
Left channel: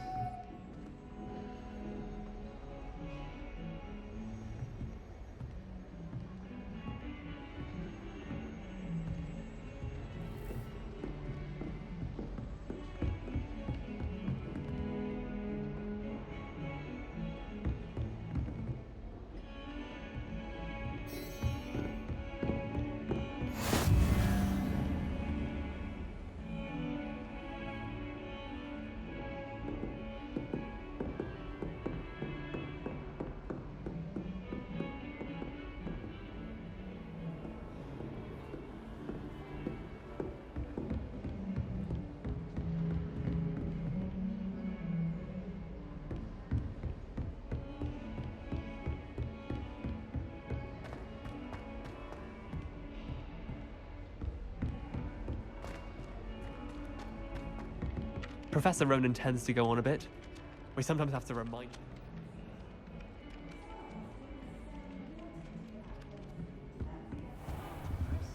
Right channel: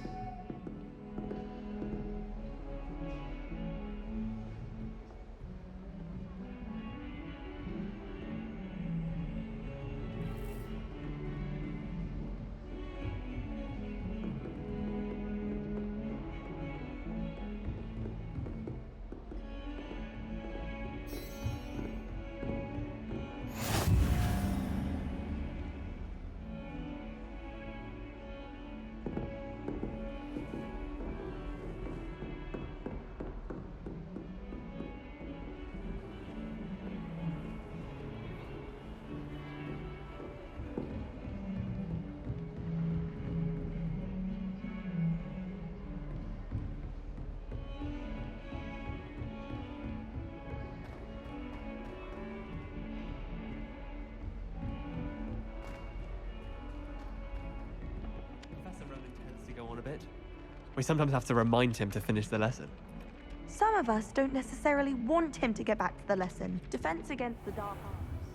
Professor Ronan tends to go on a bit. We sometimes have to remind him to finish the lesson. Some of us don't necessarily want him to get back to the lesson. Defense against the dark arts.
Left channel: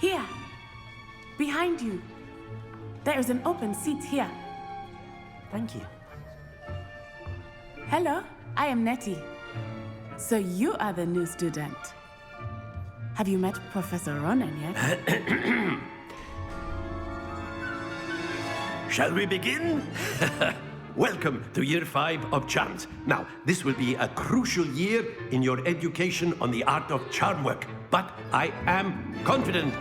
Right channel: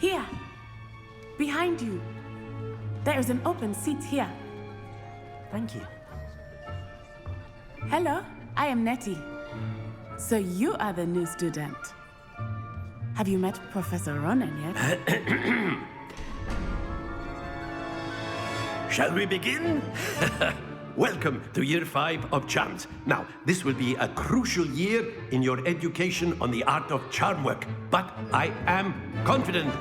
Here. Behind you. There is an open seat here. Thank you. Hello, I am Nettie. So you are the new student. Have you met Professor Ronan yet? Shall we begin? Welcome to Year 5 of Charms. Now, this will be a crucial year in your education on the art of charm work, but I am confident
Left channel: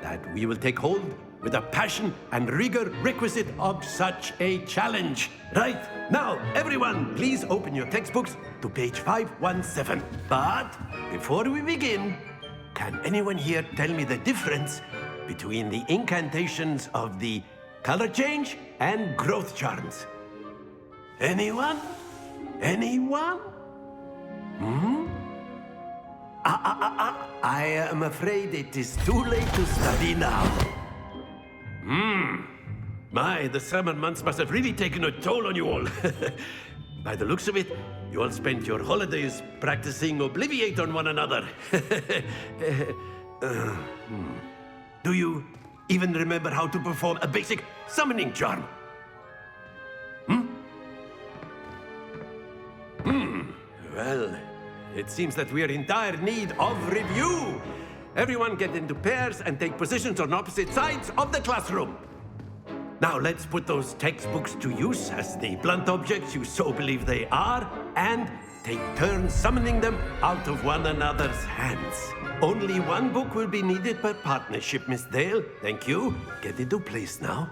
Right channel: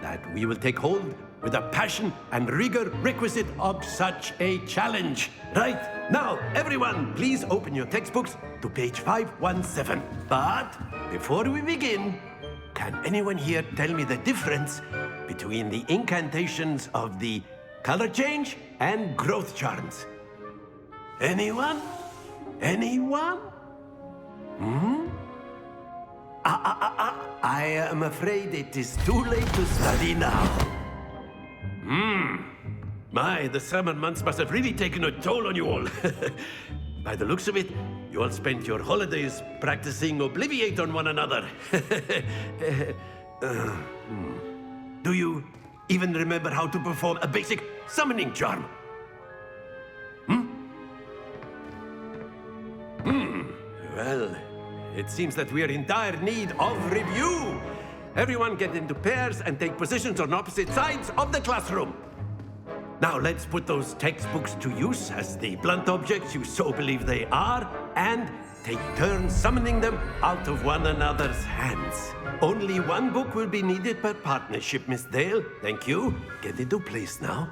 that we will take hold with the passion and rigor requisite of such a challenge. Right, now, everyone, please open your textbooks to page 517. But before we begin, can anyone here tell me the difference between the incantations of the color change and growth charms? Anyone? Anyone? I am afraid it is too late to study now. My, the summer months must have really taken a toll on you all. By the looks of it, you all spent your holidays practicing Obliviate on one another. Do you even remember how to perform a basic summoning charm? Well, it seems that we are in dire need of review. Everyone get into pairs and take positions on opposite sides of the classroom. Now let's put those textbooks to use as the blunt objects you so believe they are, and take turns summoning them out of one another's hands. Only one book will be needed per partnership, Miss Dale. Thank you. Get into place now.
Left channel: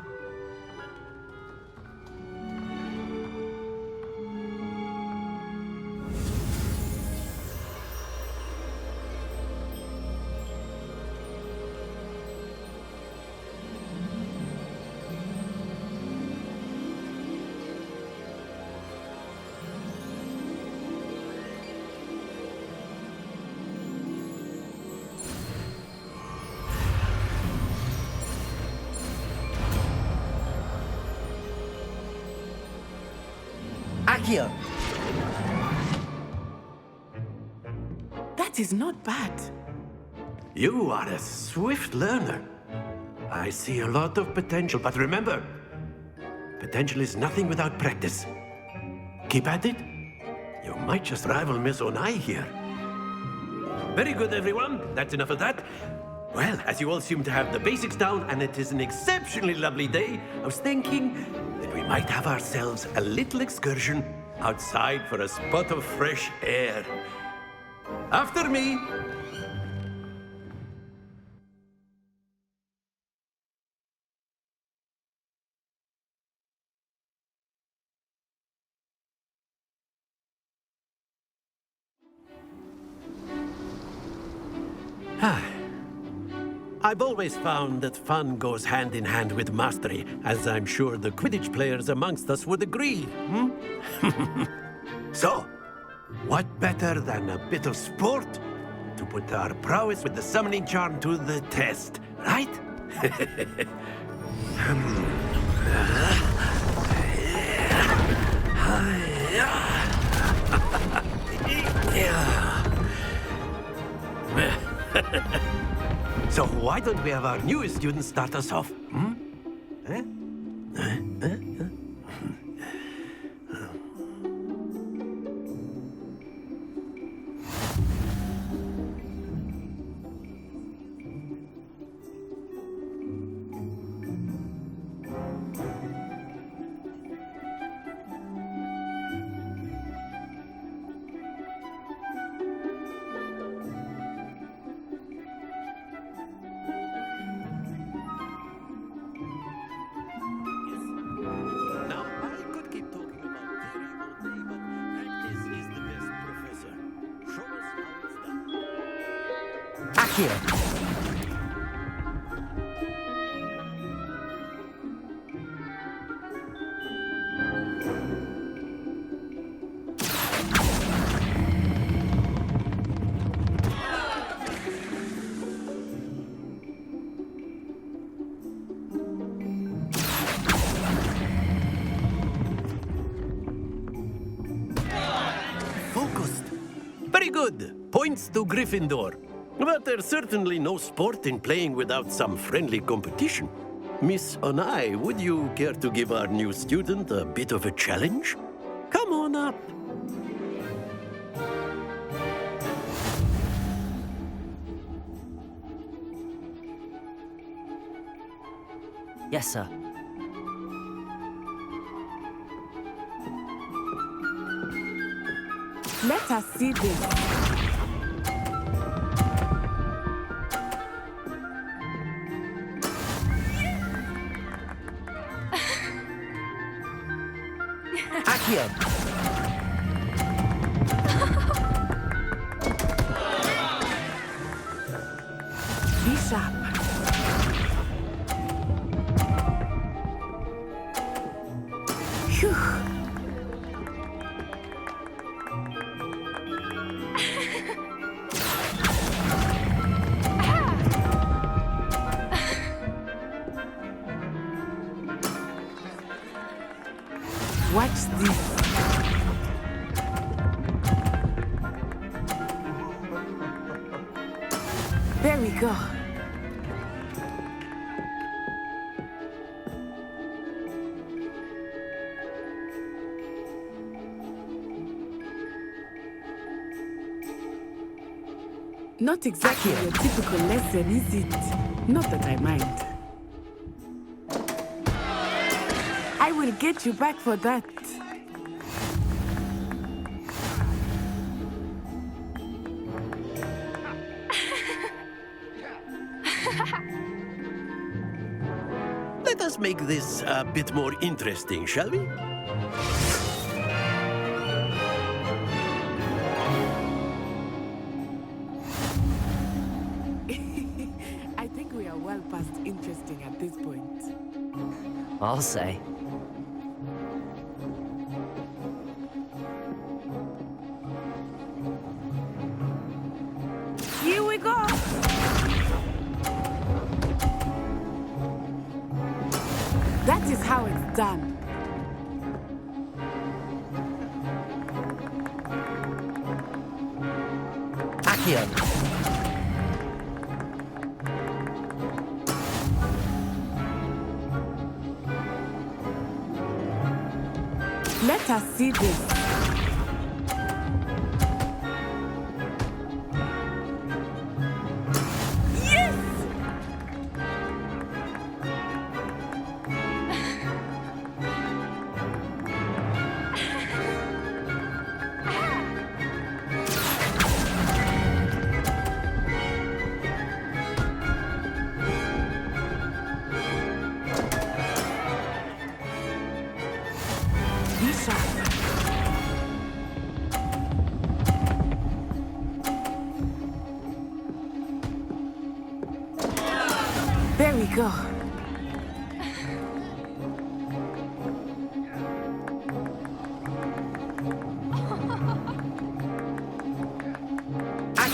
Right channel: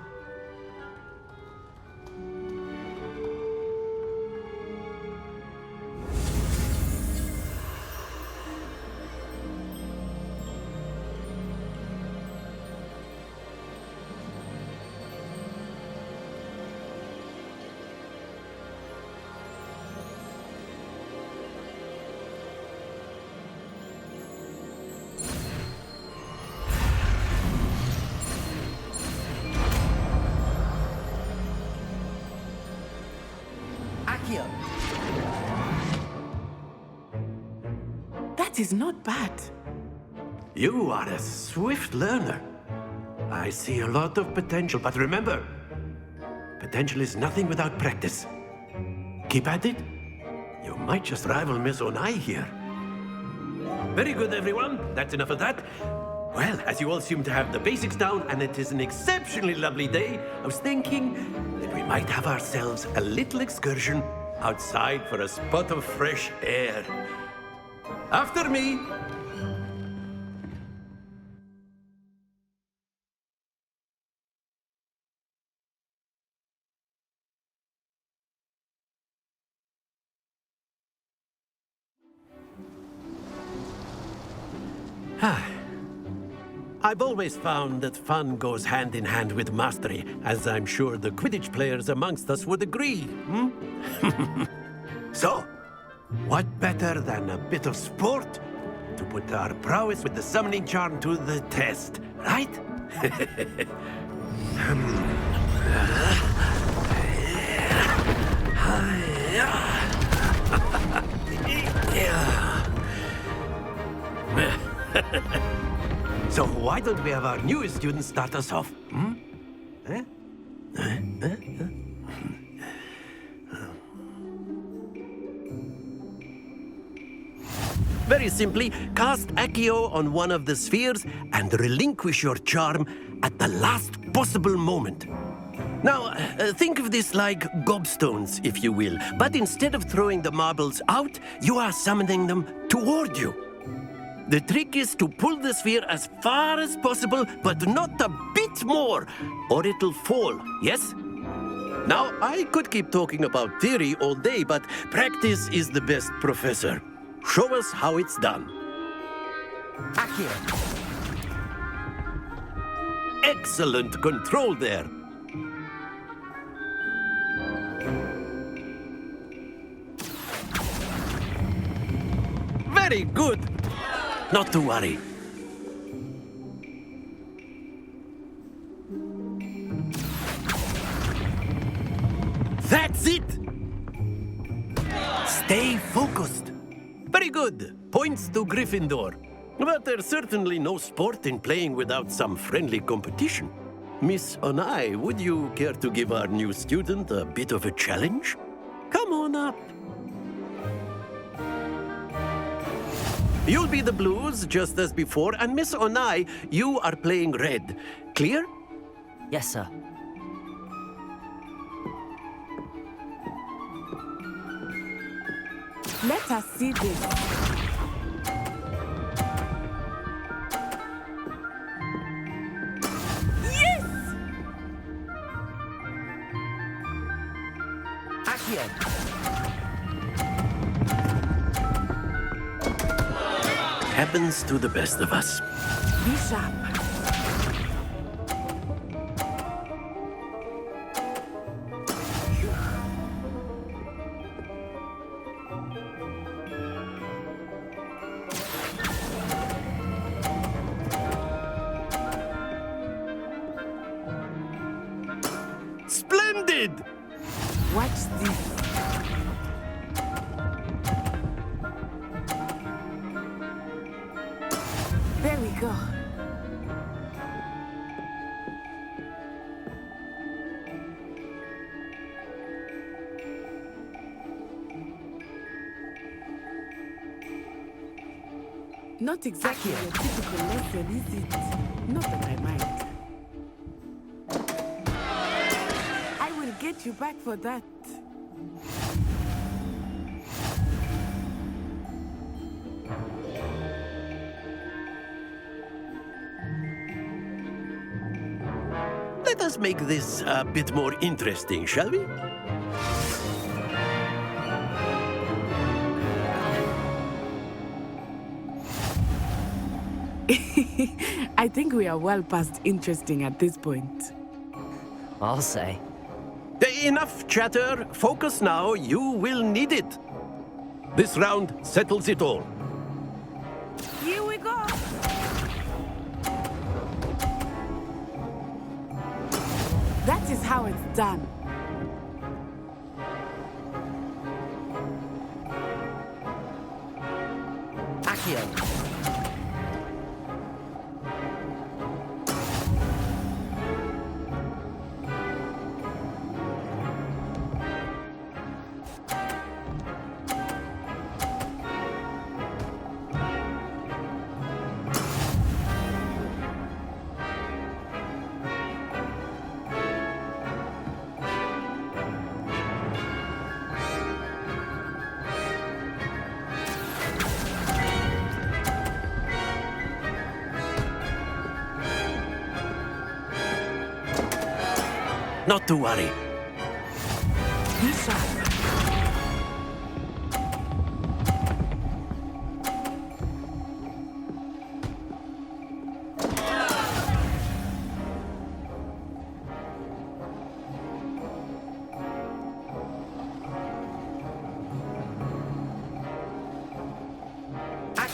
Accio! That is not bad. You are a swift learner. I see a lot of potential, but remember, potential is nothing without practice. Keep at it. You might just rival Miss Onai here. Very good, everyone. That's enough of that. Well, as you all seem to have the basics down, and it is an exceptionally lovely day, I was thinking that we might have ourselves a little excursion outside for a spot of fresh air. After me. I've always found that fun goes hand in hand with mastery, as I'm sure the Quidditch players amongst us would agree, hmm? So, what better than a bit of sport to put our prowess with the summoning charm to the test, right? So why don't we have our newest student start us off? Hmm? Eh? Very simply, cast Accio on one of the spheres and relinquish your charm at the last possible moment. Now, think of this like gobstones, if you will, but instead of throwing the marbles out, you are summoning them toward you. The trick is to pull the sphere as far as possible, but not a bit more, or it'll fall, yes? Now, I could keep talking about theory all day, but practice is the best professor. Show us how it's done. Accio! Excellent control there. Very good. Not to worry. That's it! Stay focused. Very good. Points to Gryffindor. But there's certainly no sport in playing without some friendly competition. Miss Onai, would you care to give our new student a bit of a challenge? Come on up. You'll be the blues, just as before, and Miss Onai, you are playing red. Clear? Yes, sir. Let us see this. Yes! Accio! Happens to the best of us. Be sharp. Phew. Splendid! Watch this. There we go. Not exactly your typical lesson, is it? Not that I mind. I will get you back for that. Let us make this a bit more interesting, shall we? I think we are well past interesting at this point. I'll say. Enough chatter. Focus now. You will need it. This round settles it all. Here we go! That is how it's done. Accio! Let us see this. Yes! Not to worry. Be sharp.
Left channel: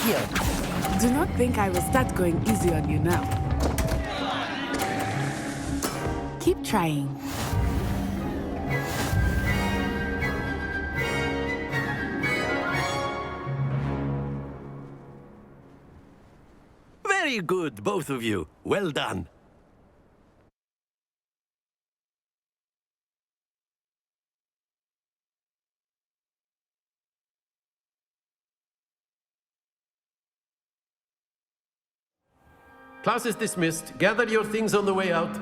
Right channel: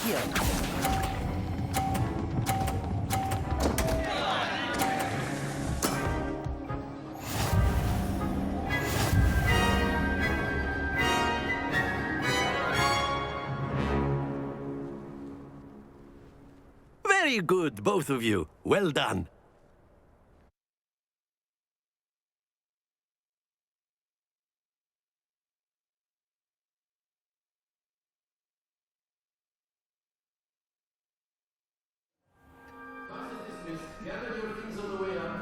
Accio! Do not think I will start going easy on you now. Keep trying. Very good, both of you. Well done. Class is dismissed. Gather your things on the way out.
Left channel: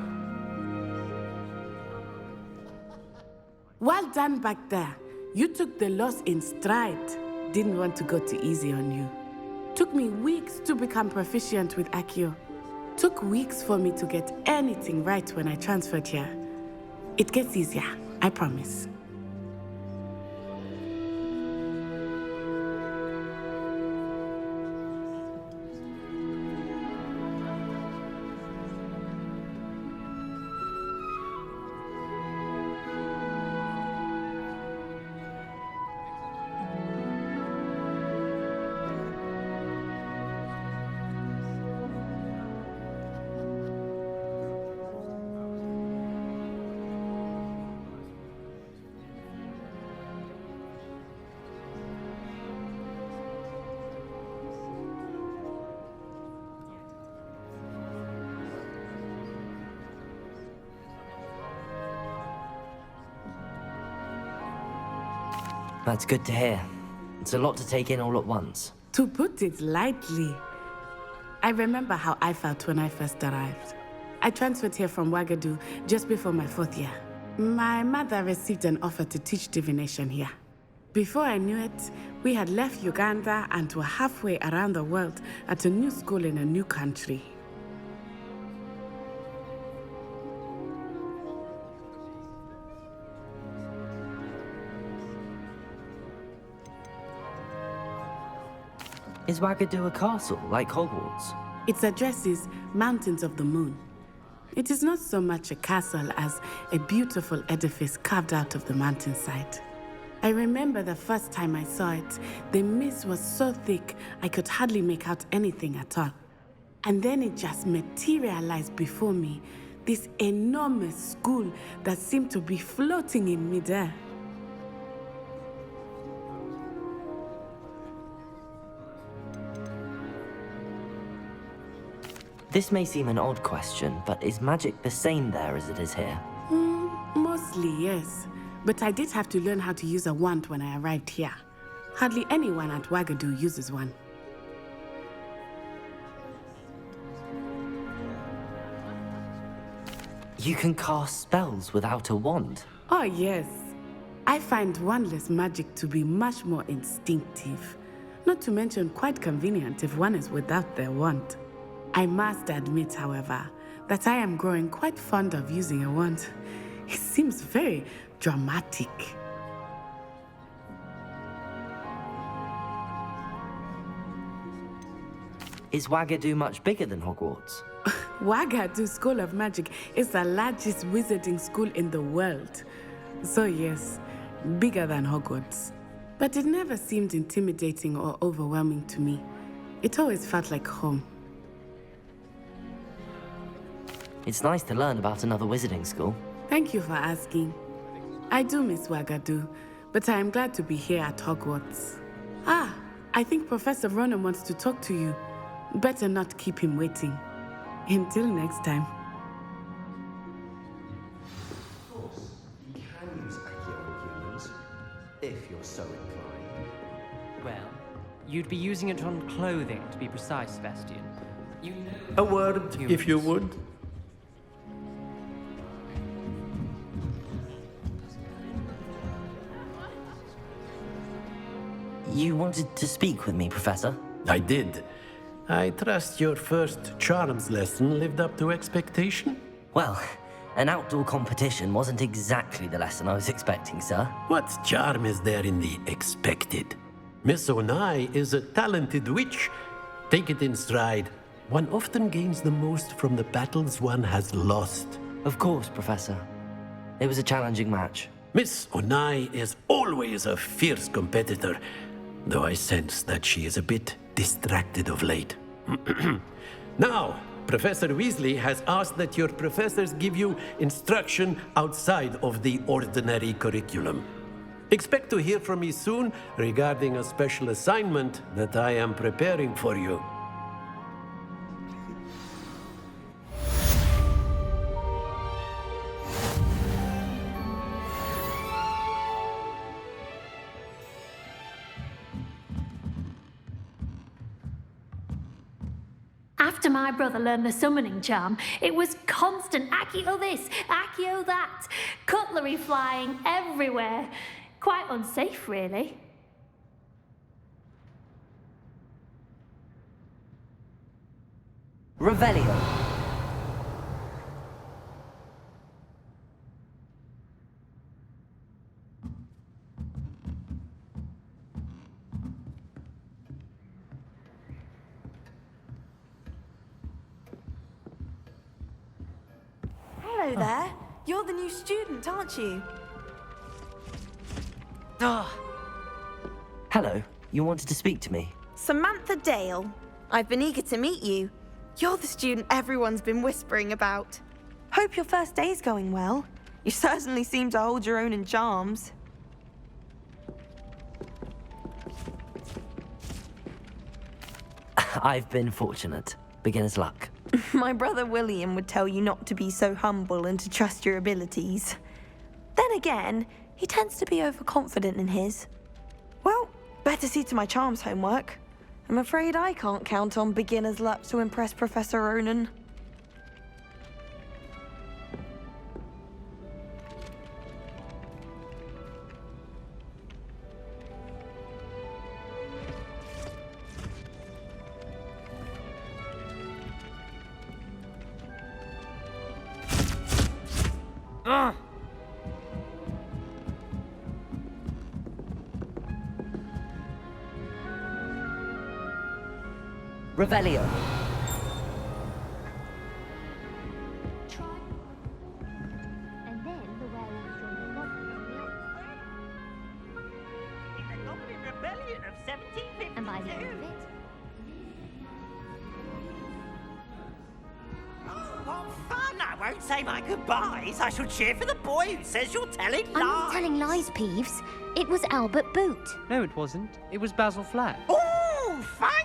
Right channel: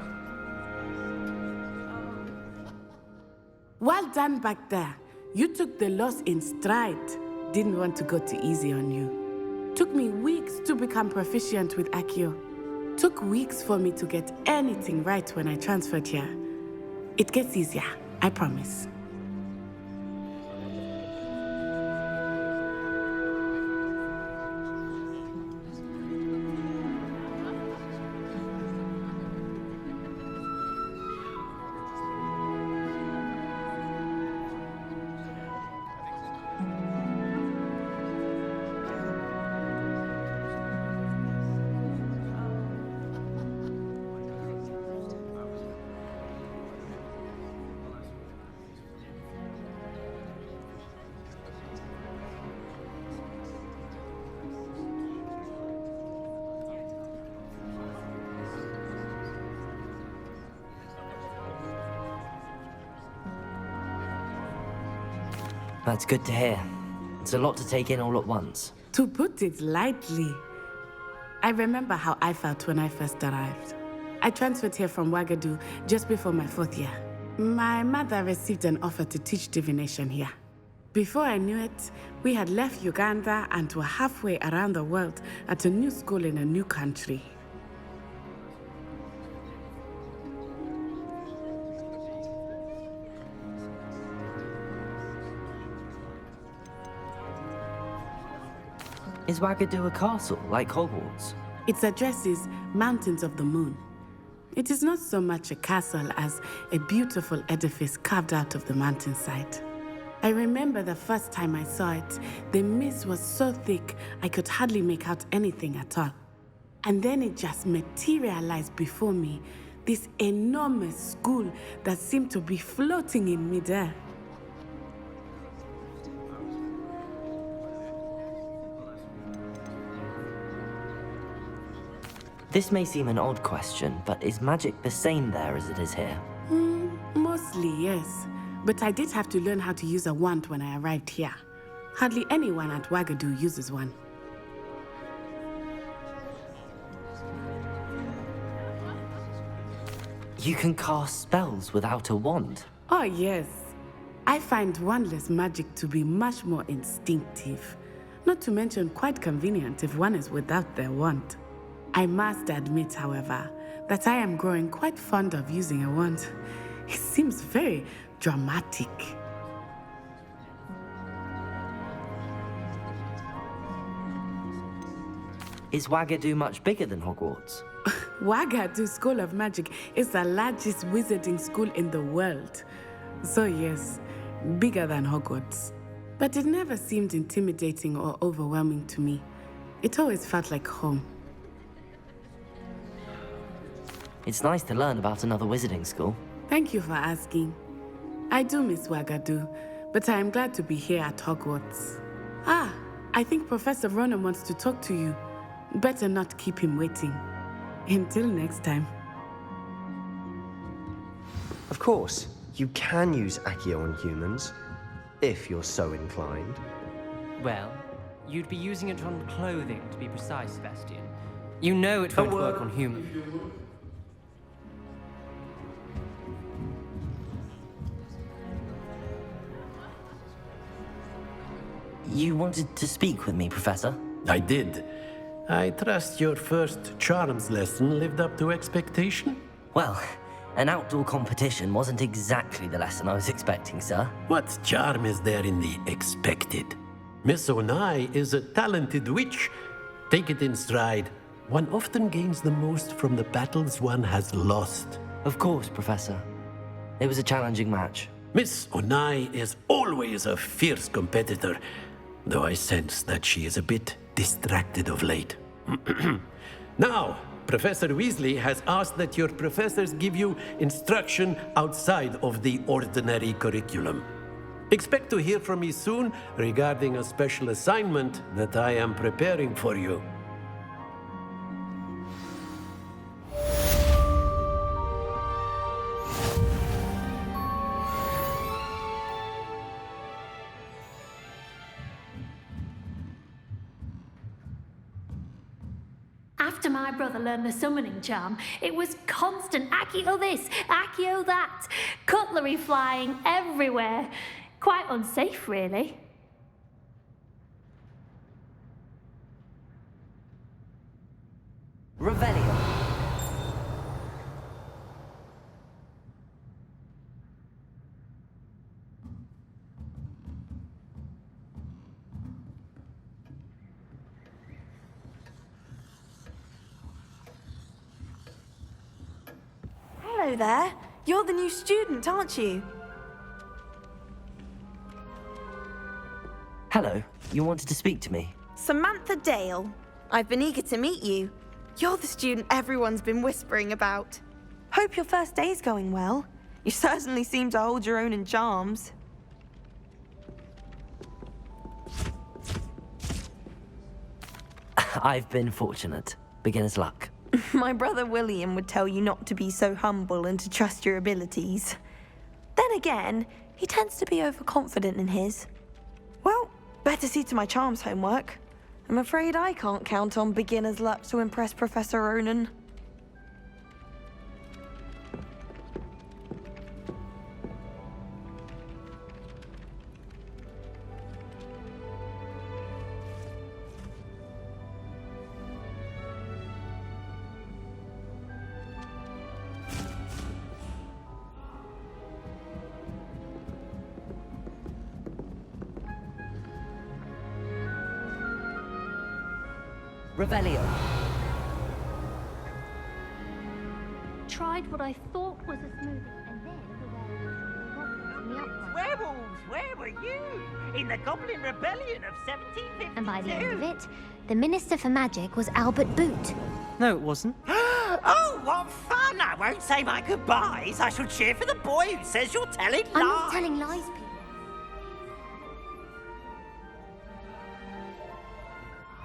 Well done back there. You took the loss in stride. Didn't want to go too easy on you. Took me weeks to become proficient with Accio. Took weeks for me to get anything right when I transferred here. It gets easier, I promise. That's good to hear. It's a lot to take in all at once. To put it lightly, I remember how I felt when I first arrived. I transferred here from Ouagadougou just before my 4th year. My mother received an offer to teach divination here. Before I knew it, we had left Uganda and were halfway around the world at a new school in a new country. Is Ouagadougou a castle, like Hogwarts? Its address is Mountains of the Moon. It is not so much a castle as a beautiful edifice carved out of the mountainside. I remember the first time I saw it, the mist was so thick I could hardly make out anything at all. And then it just materialized before me, this enormous school that seemed to be floating in midair. This may seem an odd question, but is magic the same there as it is here? Mostly, yes. But I did have to learn how to use a wand when I arrived here. Hardly anyone at Ouagadougou uses one. You can cast spells without a wand? Oh, yes. I find wandless magic to be much more instinctive. Not to mention quite convenient if one is without their wand. I must admit, however, that I am growing quite fond of using a wand. It seems very dramatic. Is Ouagadougou much bigger than Hogwarts? Ouagadougou School of Magic is the largest wizarding school in the world. So yes, bigger than Hogwarts. But it never seemed intimidating or overwhelming to me. It always felt like home. It's nice to learn about another wizarding school. Thank you for asking. I do miss Ouagadougou, but I am glad to be here at Hogwarts. Ah, I think Professor Ronan wants to talk to you. Better not keep him waiting. Until next time. Of course, you can use Accio on humans, if you're so inclined. Well, you'd be using it on clothing, to be precise, Sebastian. You know it A won't work on word, humans. if you would. You wanted to speak with me, Professor? I did. I trust your first charms lesson lived up to expectation? Well, an outdoor competition wasn't exactly the lesson I was expecting, sir. What charm is there in the expected? Miss Onai is a talented witch. Take it in stride. One often gains the most from the battles one has lost. Of course, Professor. It was a challenging match. Miss Onai is always a fierce competitor, though I sense that she is a bit distracted of late. Now, Professor Weasley has asked that your professors give you instruction outside of the ordinary curriculum. Expect to hear from me soon regarding a special assignment that I am preparing for you. After my brother learned the summoning charm, it was constant Accio this, Accio that, cutlery flying everywhere. Quite unsafe, really. Revelio. Hello there. You're the new student, aren't you? Hello, you wanted to speak to me? Samantha Dale. I've been eager to meet you. You're the student everyone's been whispering about. Hope your first day's going well. You certainly seem to hold your own in charms. I've been fortunate. Beginner's luck. My brother William would tell you not to be so humble and to trust your abilities. Then again, he tends to be overconfident in his. Well, better see to my charms homework. I'm afraid I can't count on beginner's luck to impress Professor Ronan. Revelio. Tried what I thought was a smooth, and then the werewolves joined the goblins in the uproar. Werewolves, where were you? In the Goblin Rebellion of 1752. And by the end of it, the Minister for Magic was Albert Boot. No, it wasn't. Oh, what fun! I won't say my goodbyes. I shall cheer for the boy who says you're telling lies. I'm not telling lies, Peeves. It was Albert Boot. No, it wasn't. It was Basil Flack. Oh, fight!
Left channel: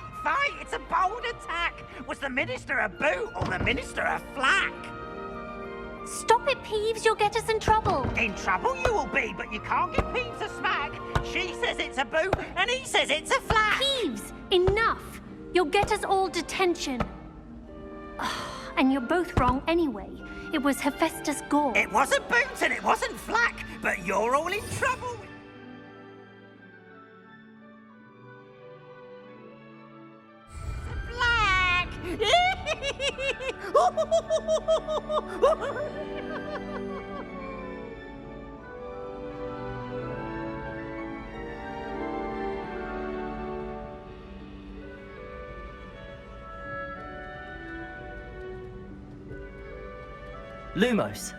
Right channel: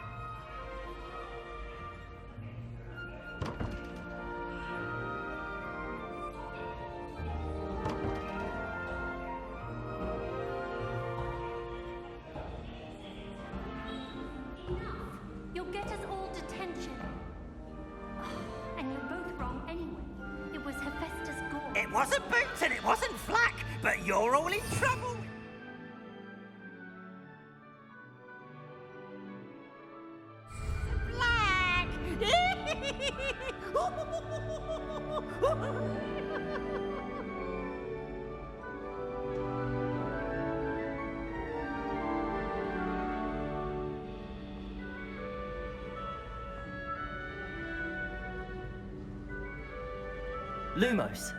It's a bold attack. Was the Minister a boot or the Minister a flack? Stop it, Peeves. You'll get us in trouble. In trouble you will be, but you can't give Peeves a smack. She says it's a boot, and he says it's a flack. Peeves, enough. You'll get us all detention. And you're both wrong anyway. It was Hephaestus Gore. It wasn't boot and it wasn't flack, but you're all in trouble. Flack! Lumos.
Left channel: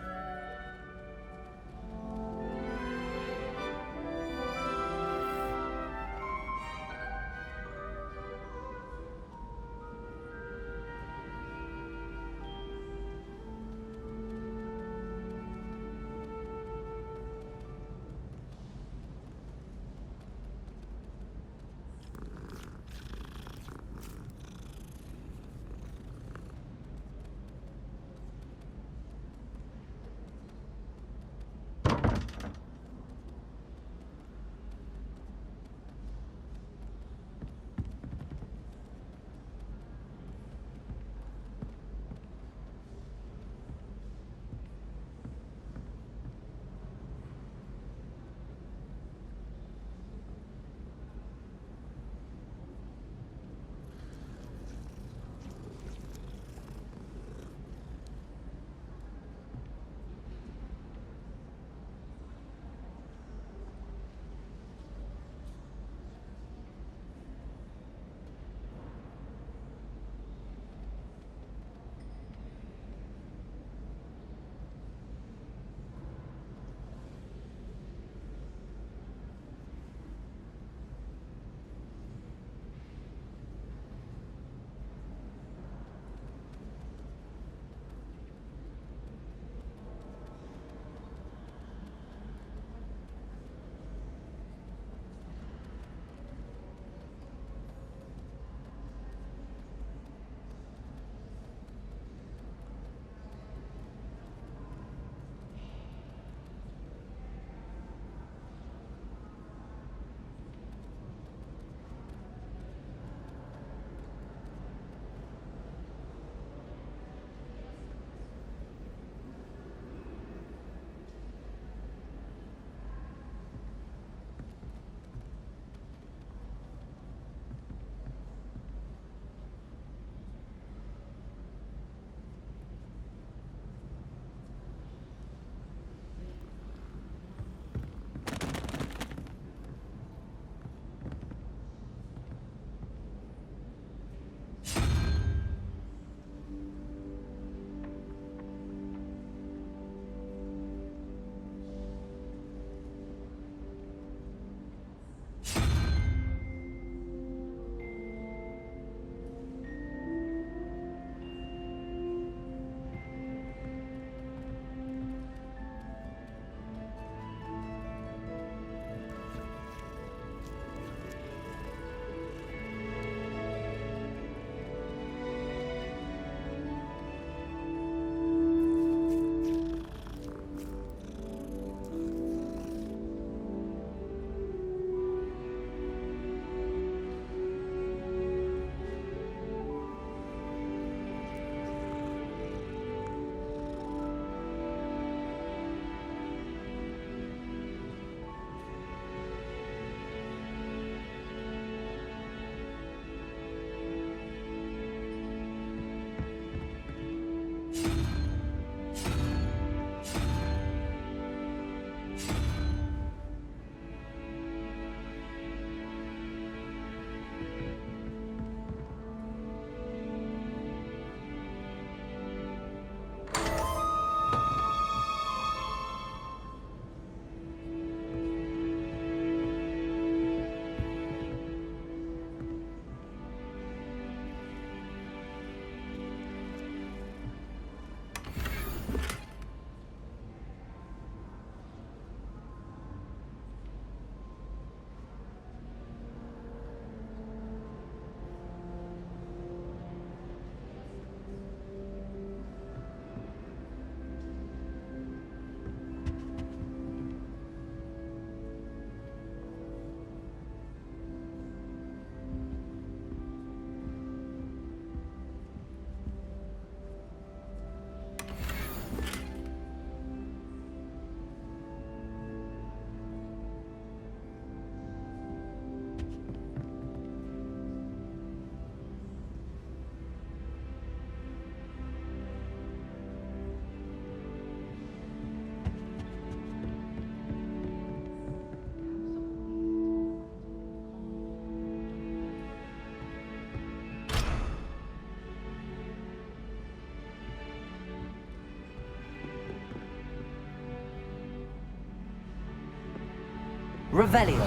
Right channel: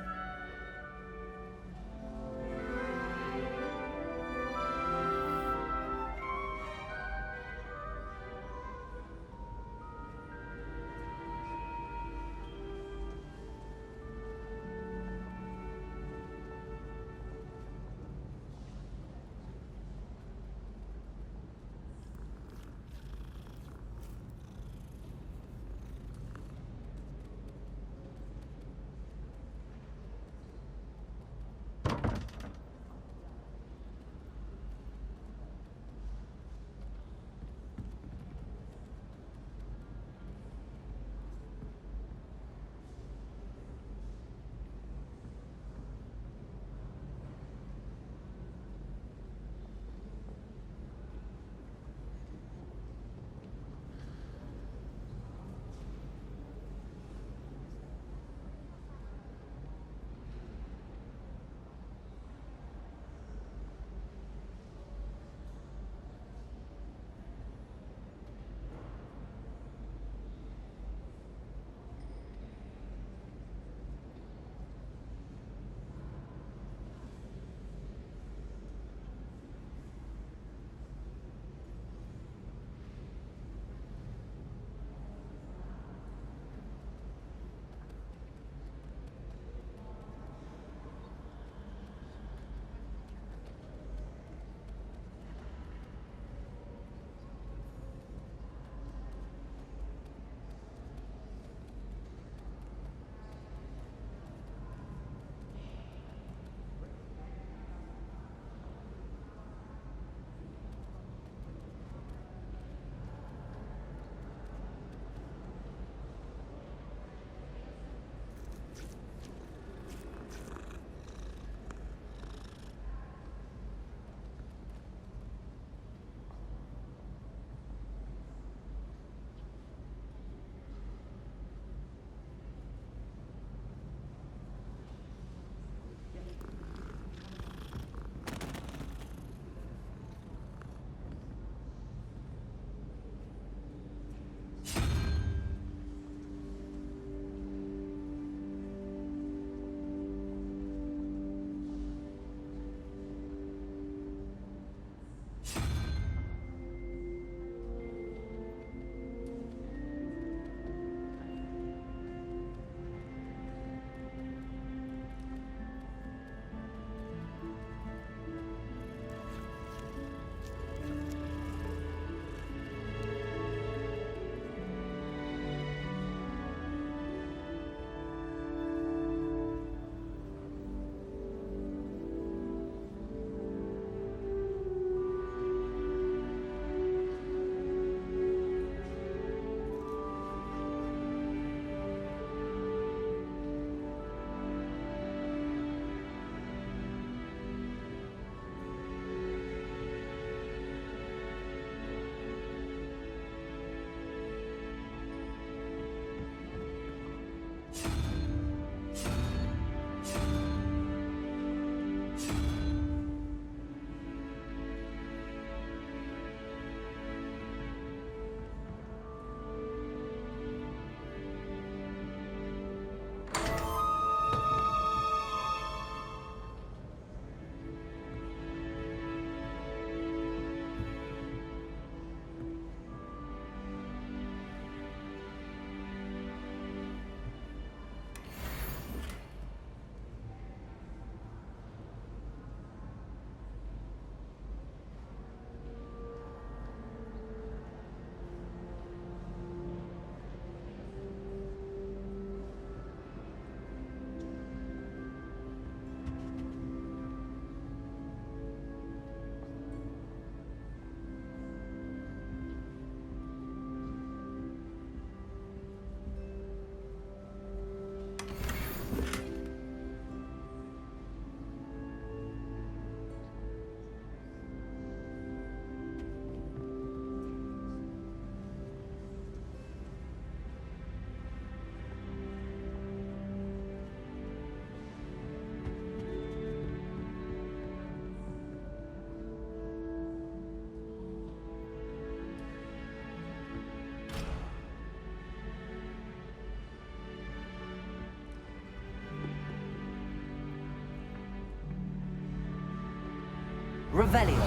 Revelio.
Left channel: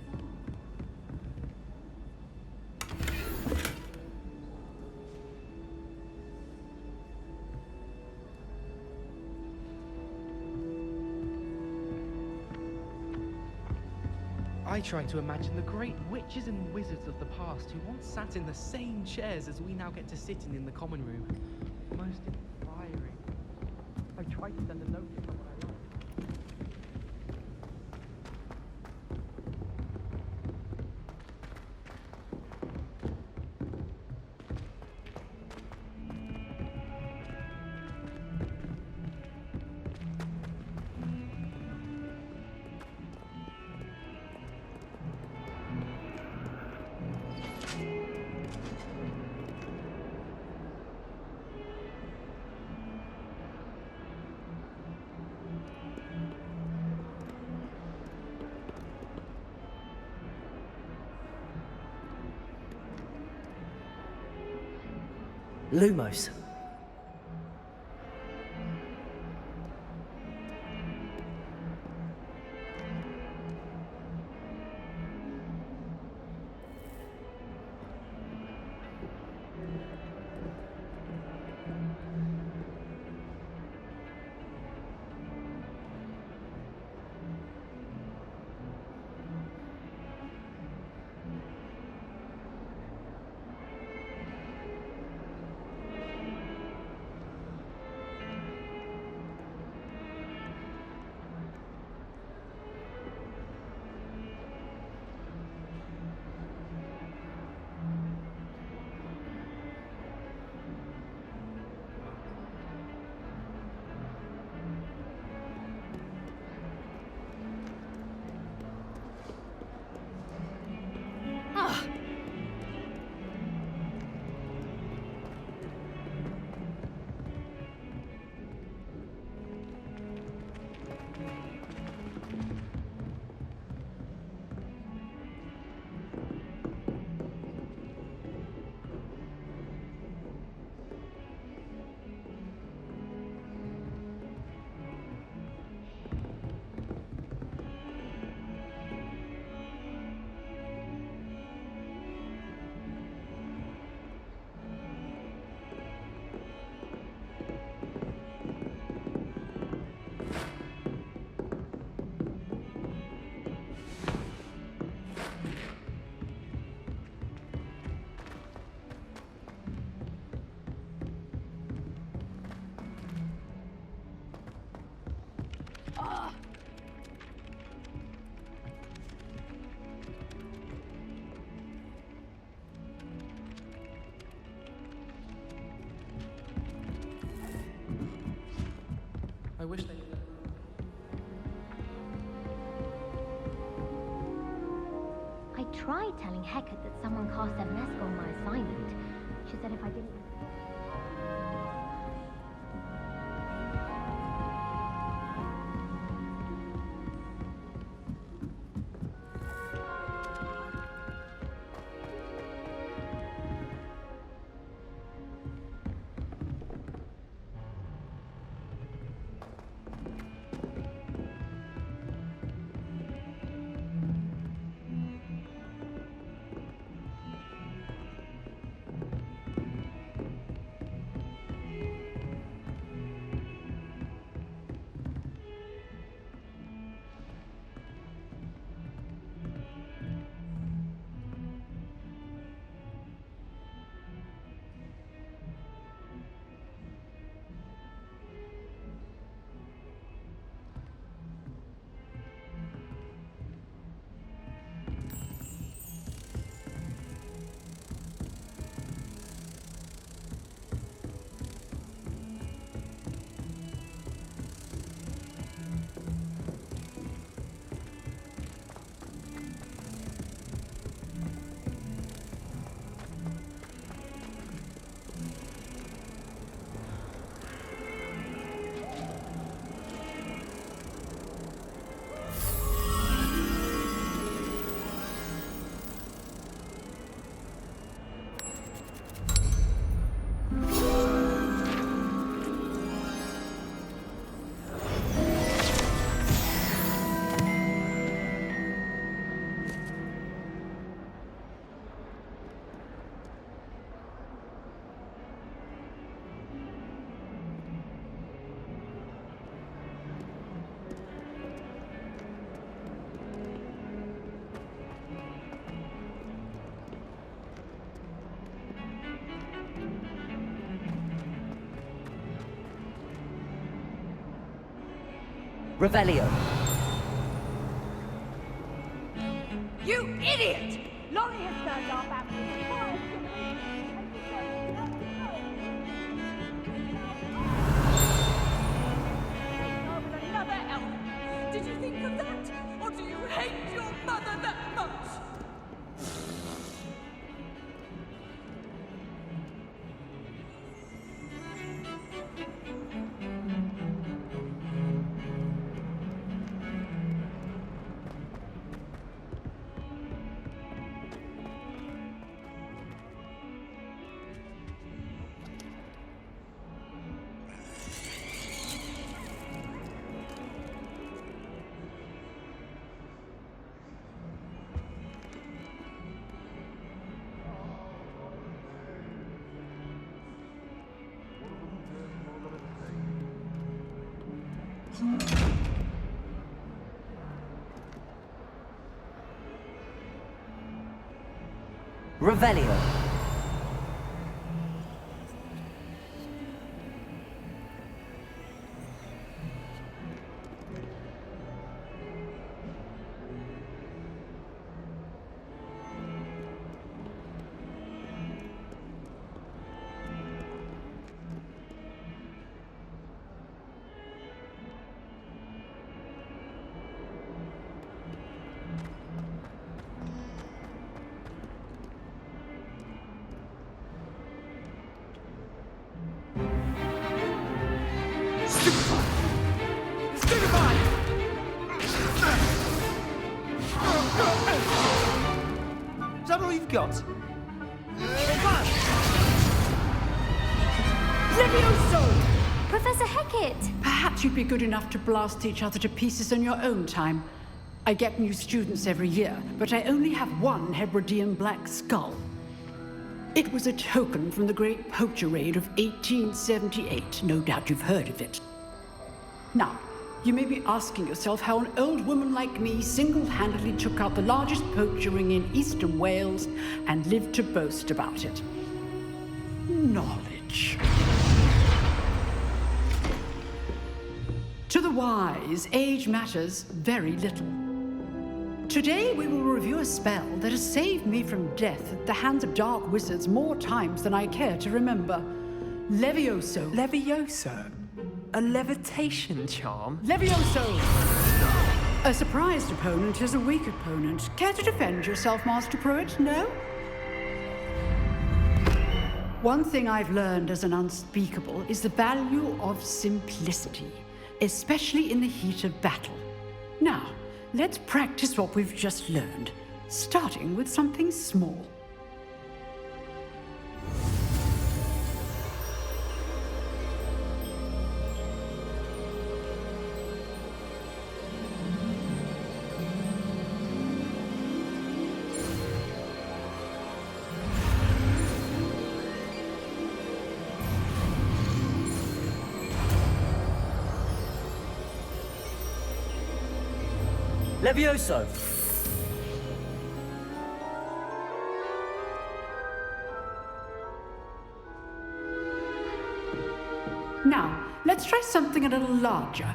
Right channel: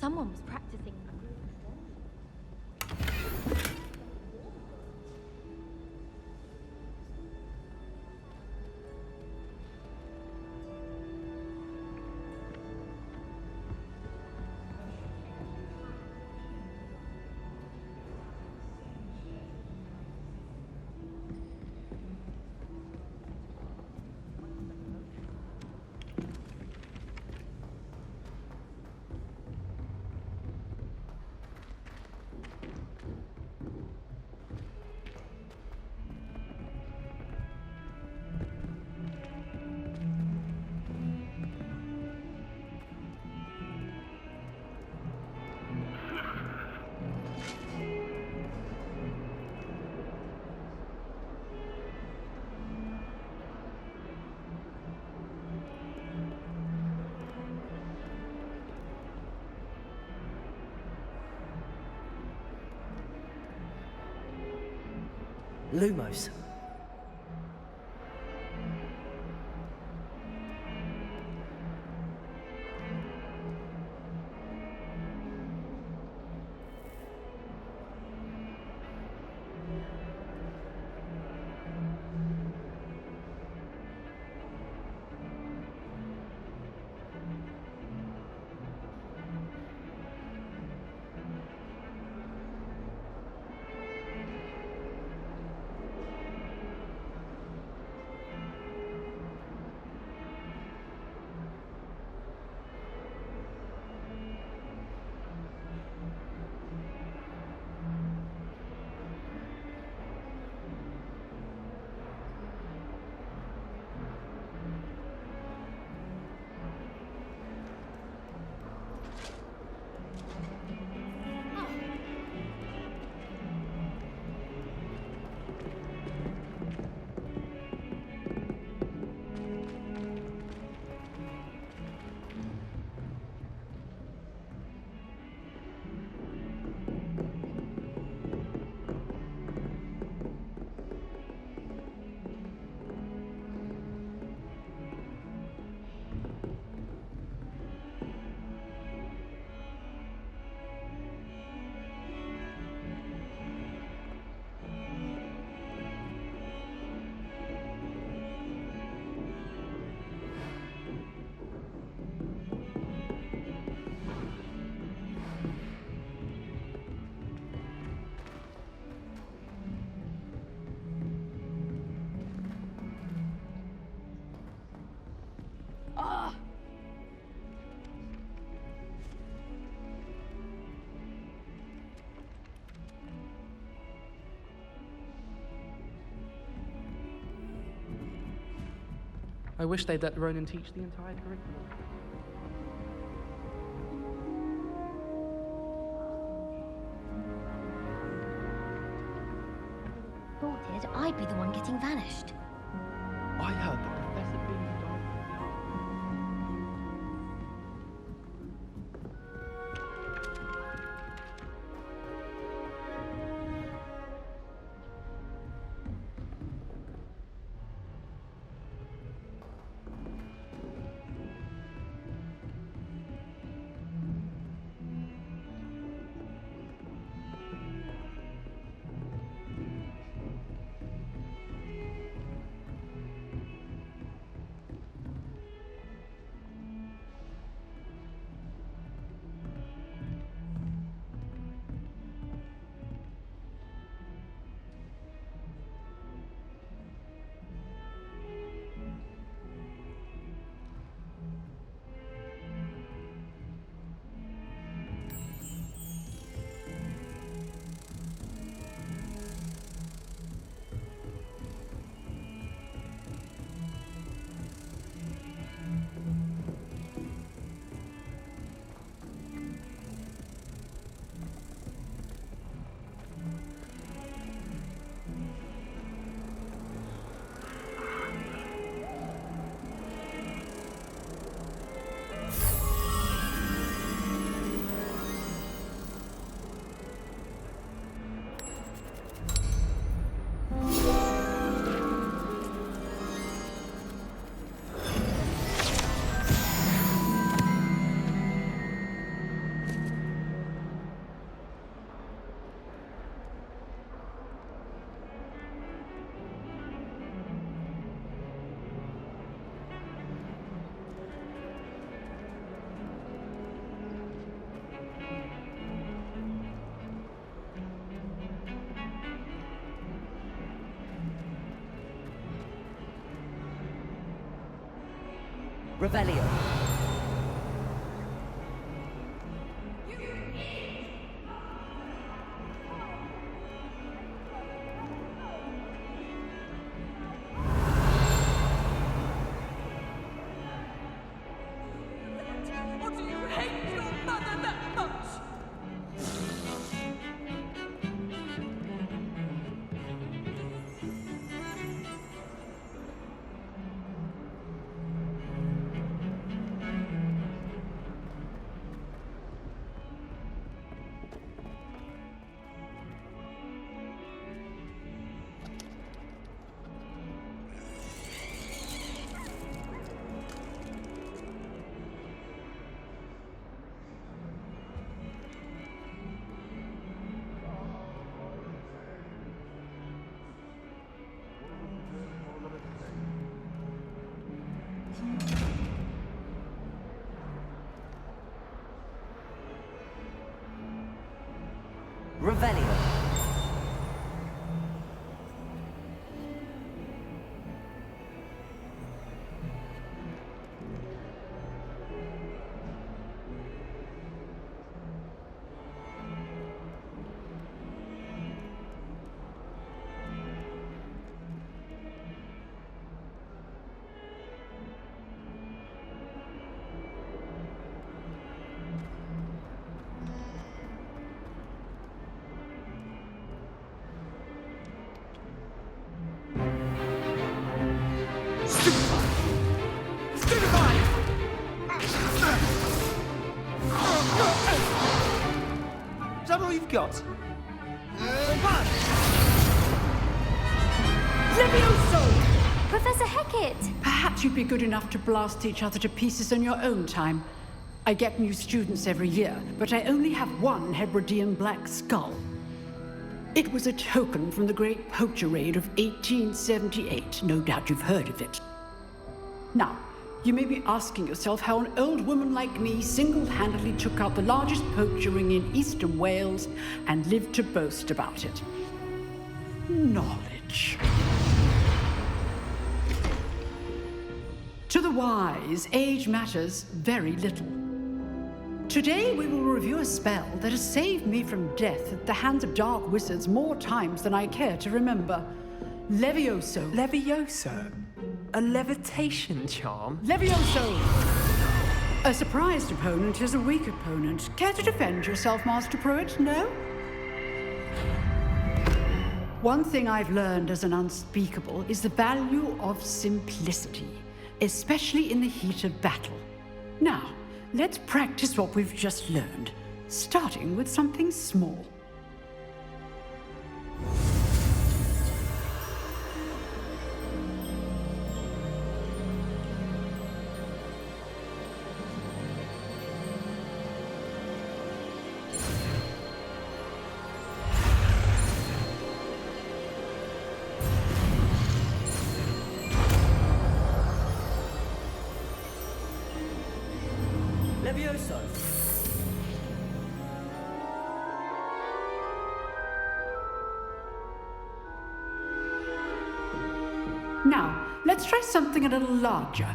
Someone was practicing. I try to imagine the great witches and wizards of the past who once sat in the same chairs as we now get to sit in the common room. Most inspiring. I try to send a note to someone I love. Lumos. I wish they'd let Ronan teach the entire curriculum. I tried telling Hecate that someone cast a mess on my assignment. She said if I didn't report it, I'd be the one getting vanished. I heard the professor being Revelio. You idiot! Laurie has turned our baptism fire to me, and you don't let it go. Another elf. Did you think of that? Or do you hate your mother that much? Revelio. Is that all you've got? Levioso! Professor Hecat! Perhaps you'd be good enough to blast each other to pieces in your own time. I get new students every year, but I only have one Hebridean black skull. It was a token from the Great Poacher Raid of 1878. No doubt you've heard of it. Now, you may be asking yourself how an old woman like me single-handedly took out the largest poacher ring in eastern Wales and lived to boast about it. Knowledge. To the wise, age matters very little. Today we will review a spell that has saved me from death at the hands of dark wizards more times than I care to remember. Levioso. Levioso? A levitation charm? Levioso! A surprised opponent is a weak opponent. Care to defend yourself, Master Pruitt? No? One thing I've learned as an unspeakable is the value of simplicity, especially in the heat of battle. Now, let's practice what we've just learned, starting with something small. Levioso! Now, let's try something a little larger.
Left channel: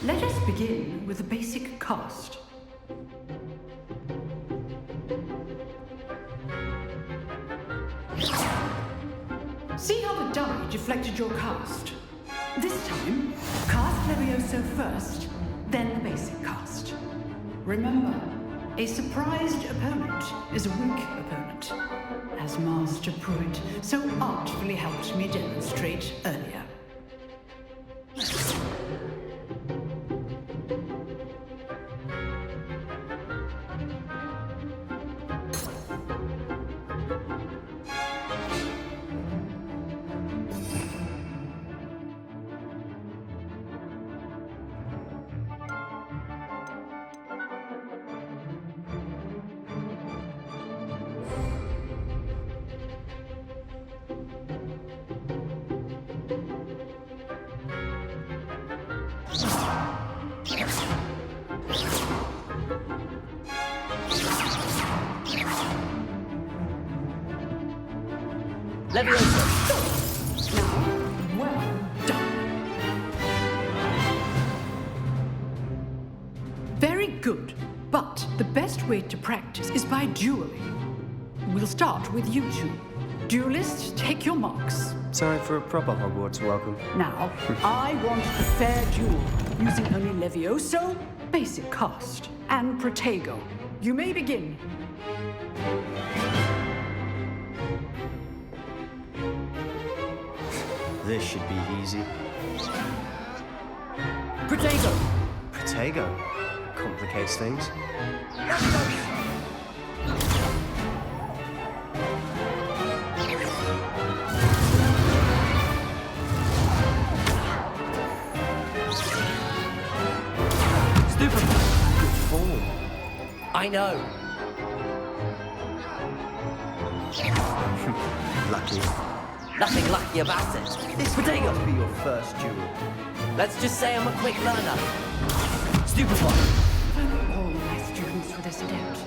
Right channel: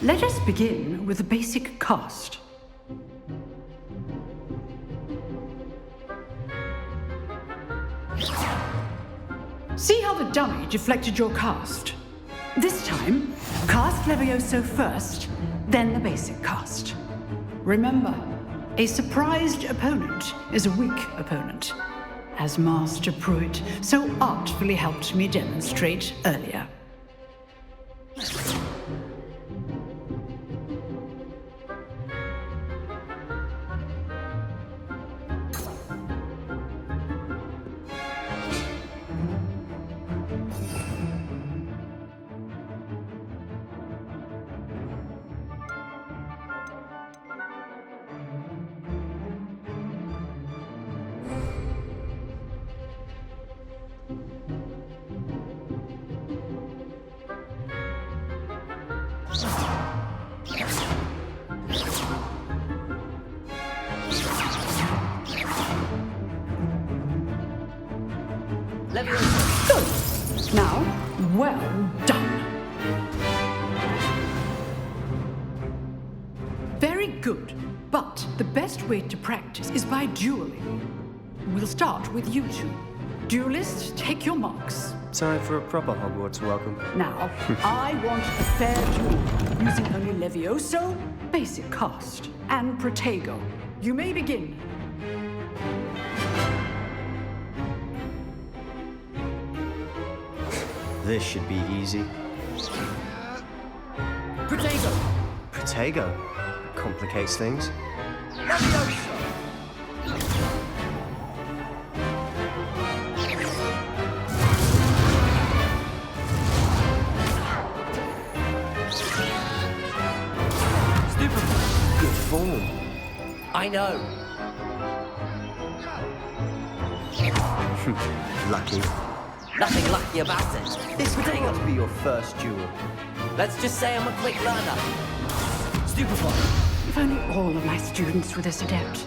Let us begin with a basic cast. See how the dummy deflected your cast? This time, cast Levioso first, then the basic cast. Remember, a surprised opponent is a weak opponent, as Master Pruitt so artfully helped me demonstrate earlier. Leviosa! Good. Now, well done. Very good. But the best way to practice is by dueling. We'll start with you two. Duelists, take your marks. Time for a proper Hogwarts welcome. Now, I want a fair duel, using only Levioso, basic cast, and Protego. You may begin. This should be easy. Protego! Protego. Complicates things. Good form. I know. Lucky. Nothing lucky about it. This must be your first duel. Let's just say I'm a quick learner. Stupefy. If only all of my students were this adept.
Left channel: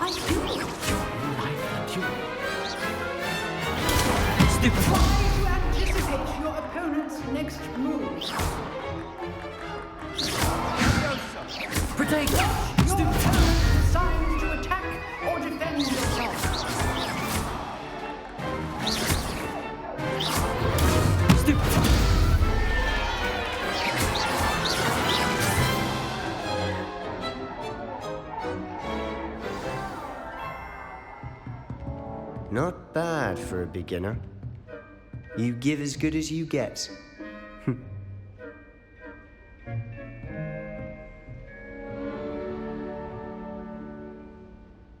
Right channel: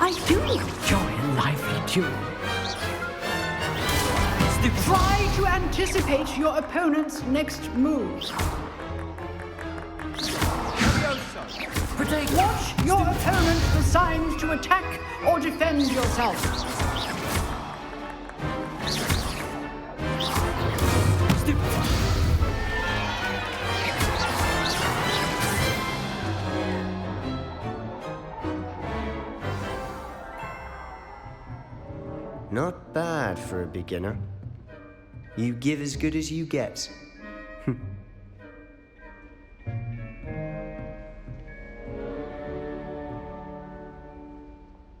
I do enjoy a lively duel. Try to anticipate your opponent's next move. Protego. Watch your opponent decides to attack or defend yourself. Stupefy. Not bad for a beginner. You give as good as you get.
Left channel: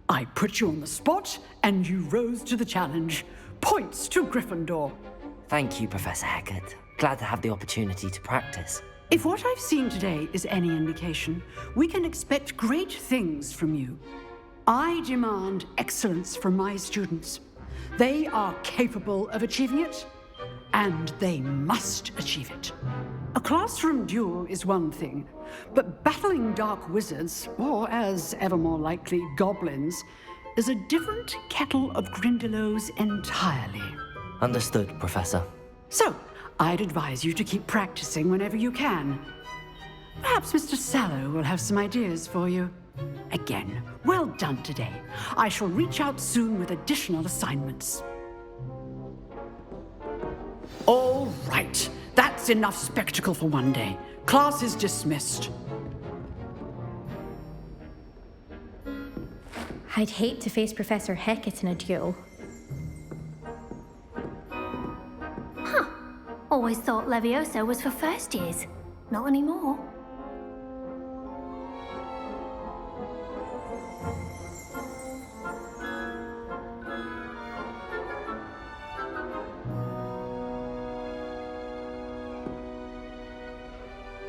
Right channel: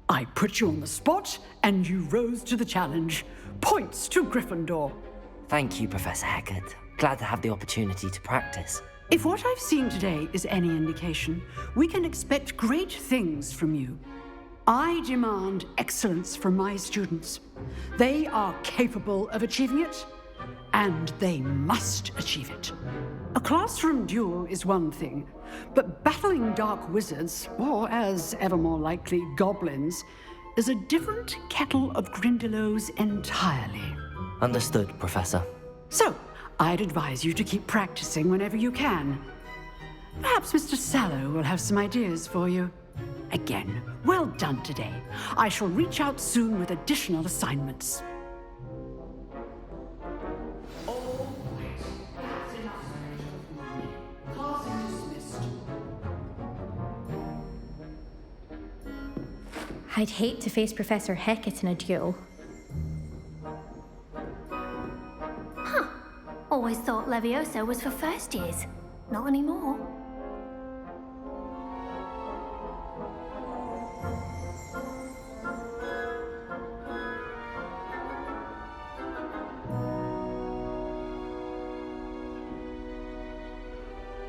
I put you on the spot, and you rose to the challenge. Points to Gryffindor. Thank you, Professor Hecat. Glad to have the opportunity to practice. If what I've seen today is any indication, we can expect great things from you. I demand excellence from my students. They are capable of achieving it, and they must achieve it. A classroom duel is one thing, but battling dark wizards, or as ever more likely, goblins, is a different kettle of Grindylows entirely. Understood, Professor. So, I'd advise you to keep practicing whenever you can. Perhaps Mr. Sallow will have some ideas for you. Again, well done today. I shall reach out soon with additional assignments. All right. That's enough spectacle for one day. Class is dismissed. I'd hate to face Professor Hecat in a duel. Huh. Always thought Levioso was for first years. Not anymore.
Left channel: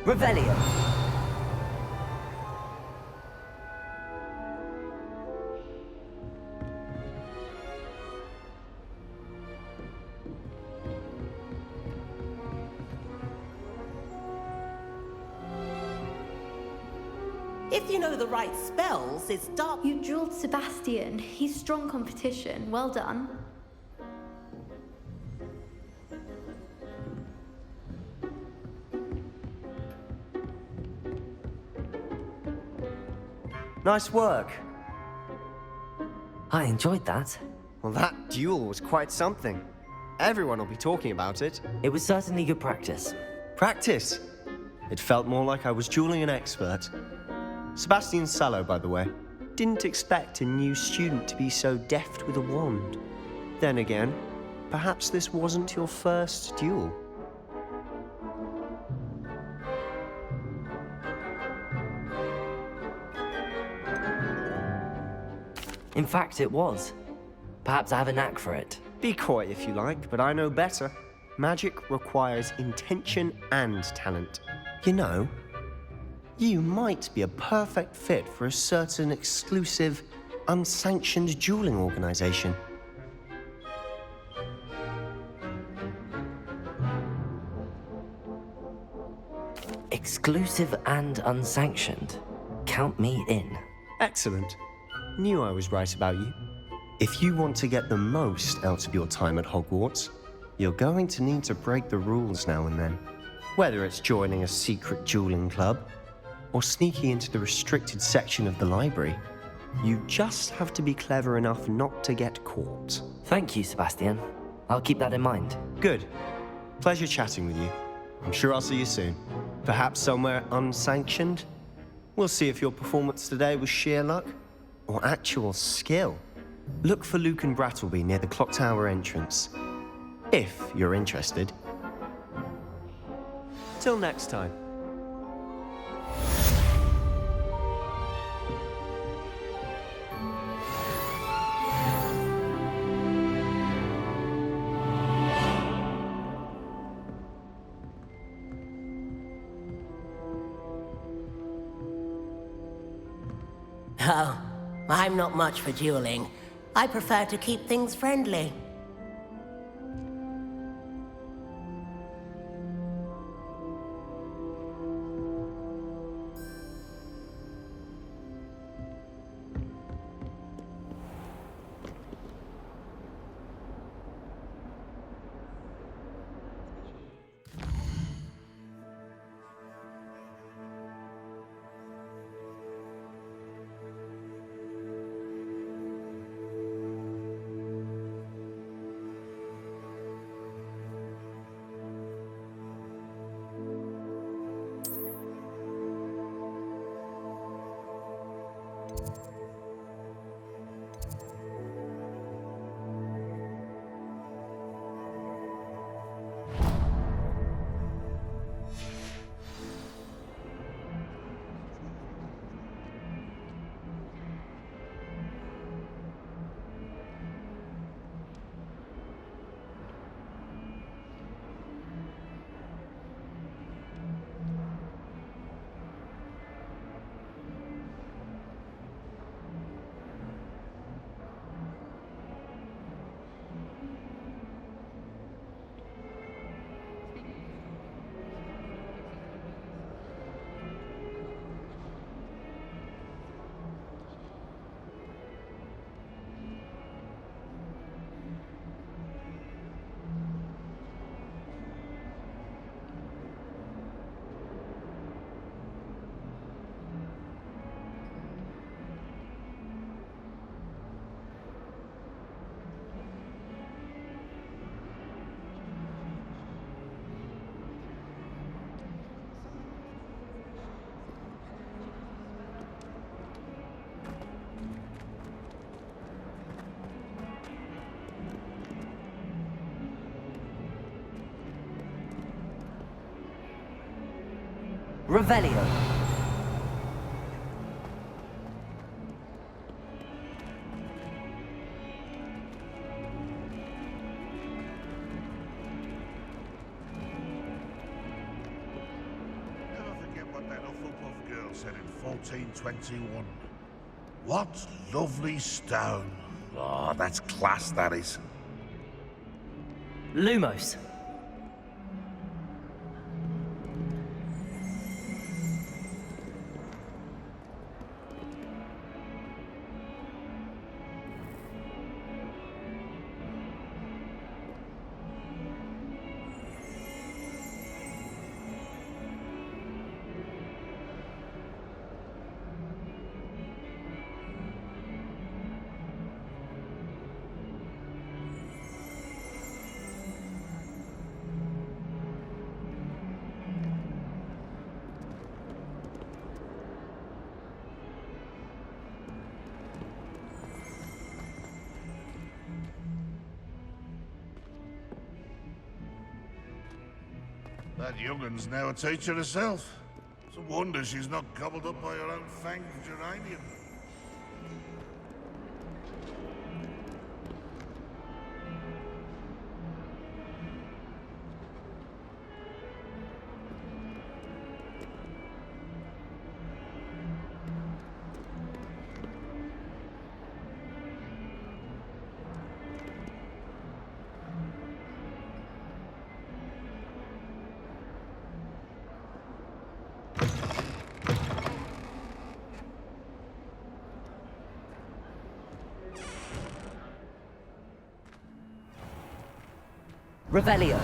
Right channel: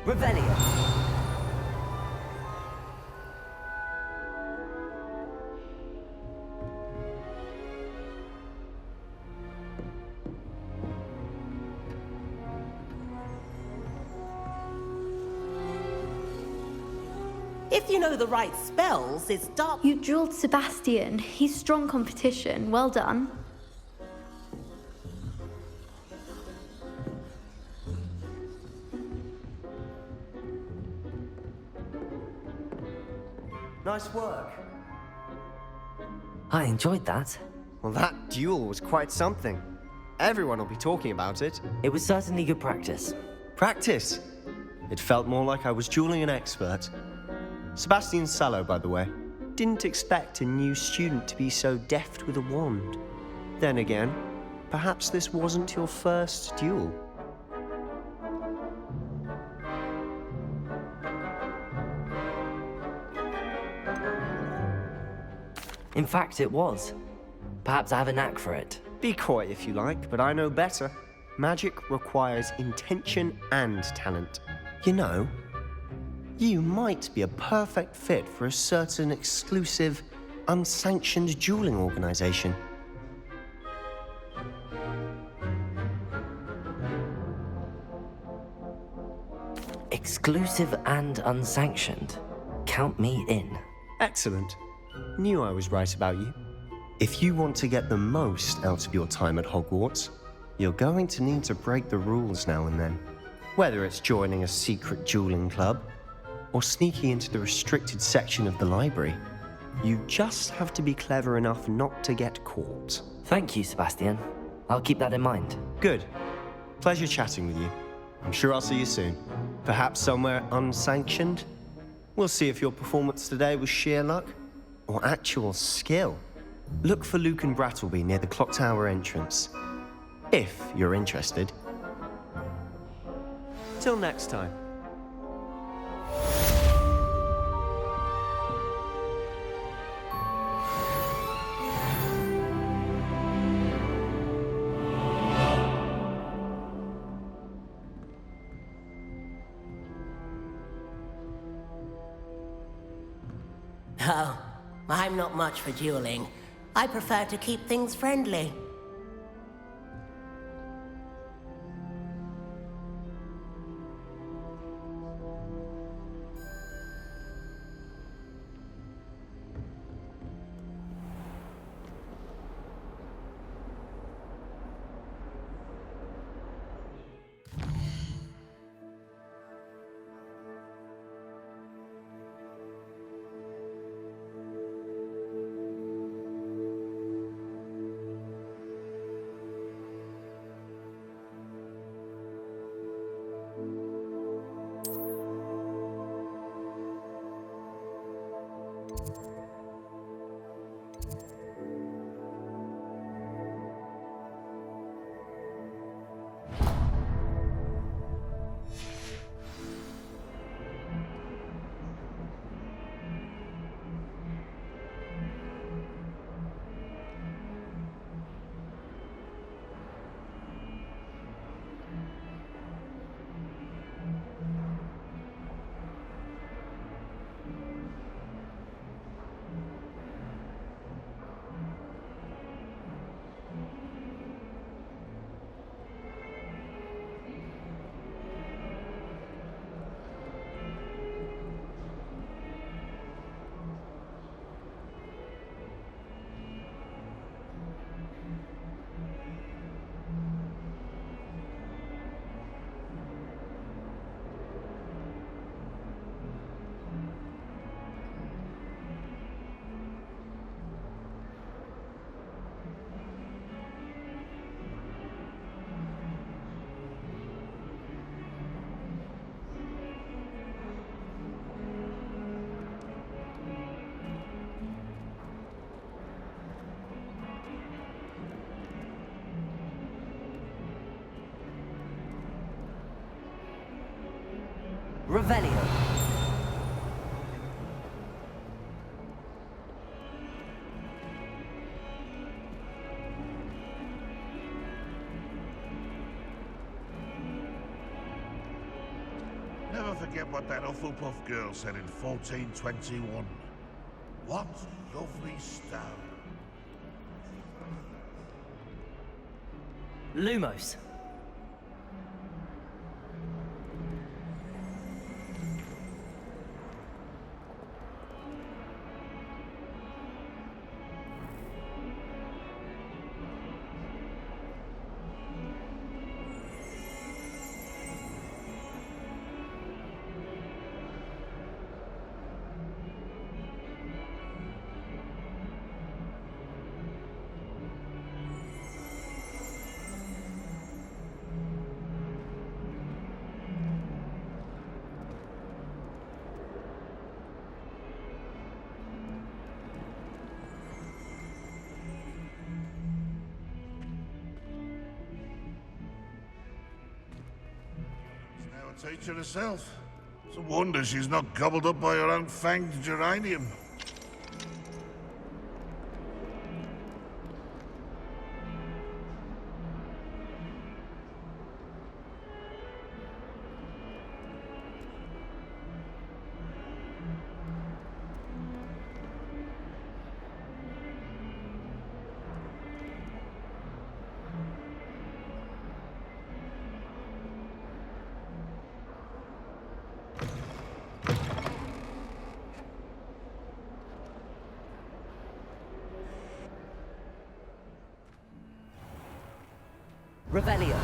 Revelio. If you know the right spells, it's dark. You dueled Sebastian. He's strong competition. Well done. Nice work. I enjoyed that. Well, that duel was quite something. Everyone will be talking about it. It was certainly good practice. Practice? It felt more like I was dueling an expert. Sebastian Sallow, by the way. Didn't expect a new student to be so deft with a wand. Then again, perhaps this wasn't your first duel. In fact, it was. Perhaps I have a knack for it. Be coy if you like, but I know better. Magic requires intention and talent. You know, you might be a perfect fit for a certain exclusive, unsanctioned dueling organization. Exclusive and unsanctioned. Count me in. Excellent. Knew I was right about you. If you want to get the most out of your time at Hogwarts, you're going to need to break the rules now and then. Whether it's joining a secret dueling club, or sneaking into the restricted section of the library, you just have to be clever enough not to get caught. Thank you, Sebastian. I'll keep that in mind. Good. Pleasure chatting with you. I'm sure I'll see you soon. Perhaps somewhere unsanctioned? We'll see if your performance today was sheer luck or actual skill. Look for Luke and Brattleby near the clock tower entrance, if you're interested. Till next time. Oh, I'm not much for dueling. I prefer to keep things friendly. Revelio. Never forget what that Hufflepuff girl said in 1421. What lovely stone. Oh, that's class, that is. Lumos. That youngun's now a teacher herself. It's a wonder she's not gobbled up by her own fanged geranium. Revelio.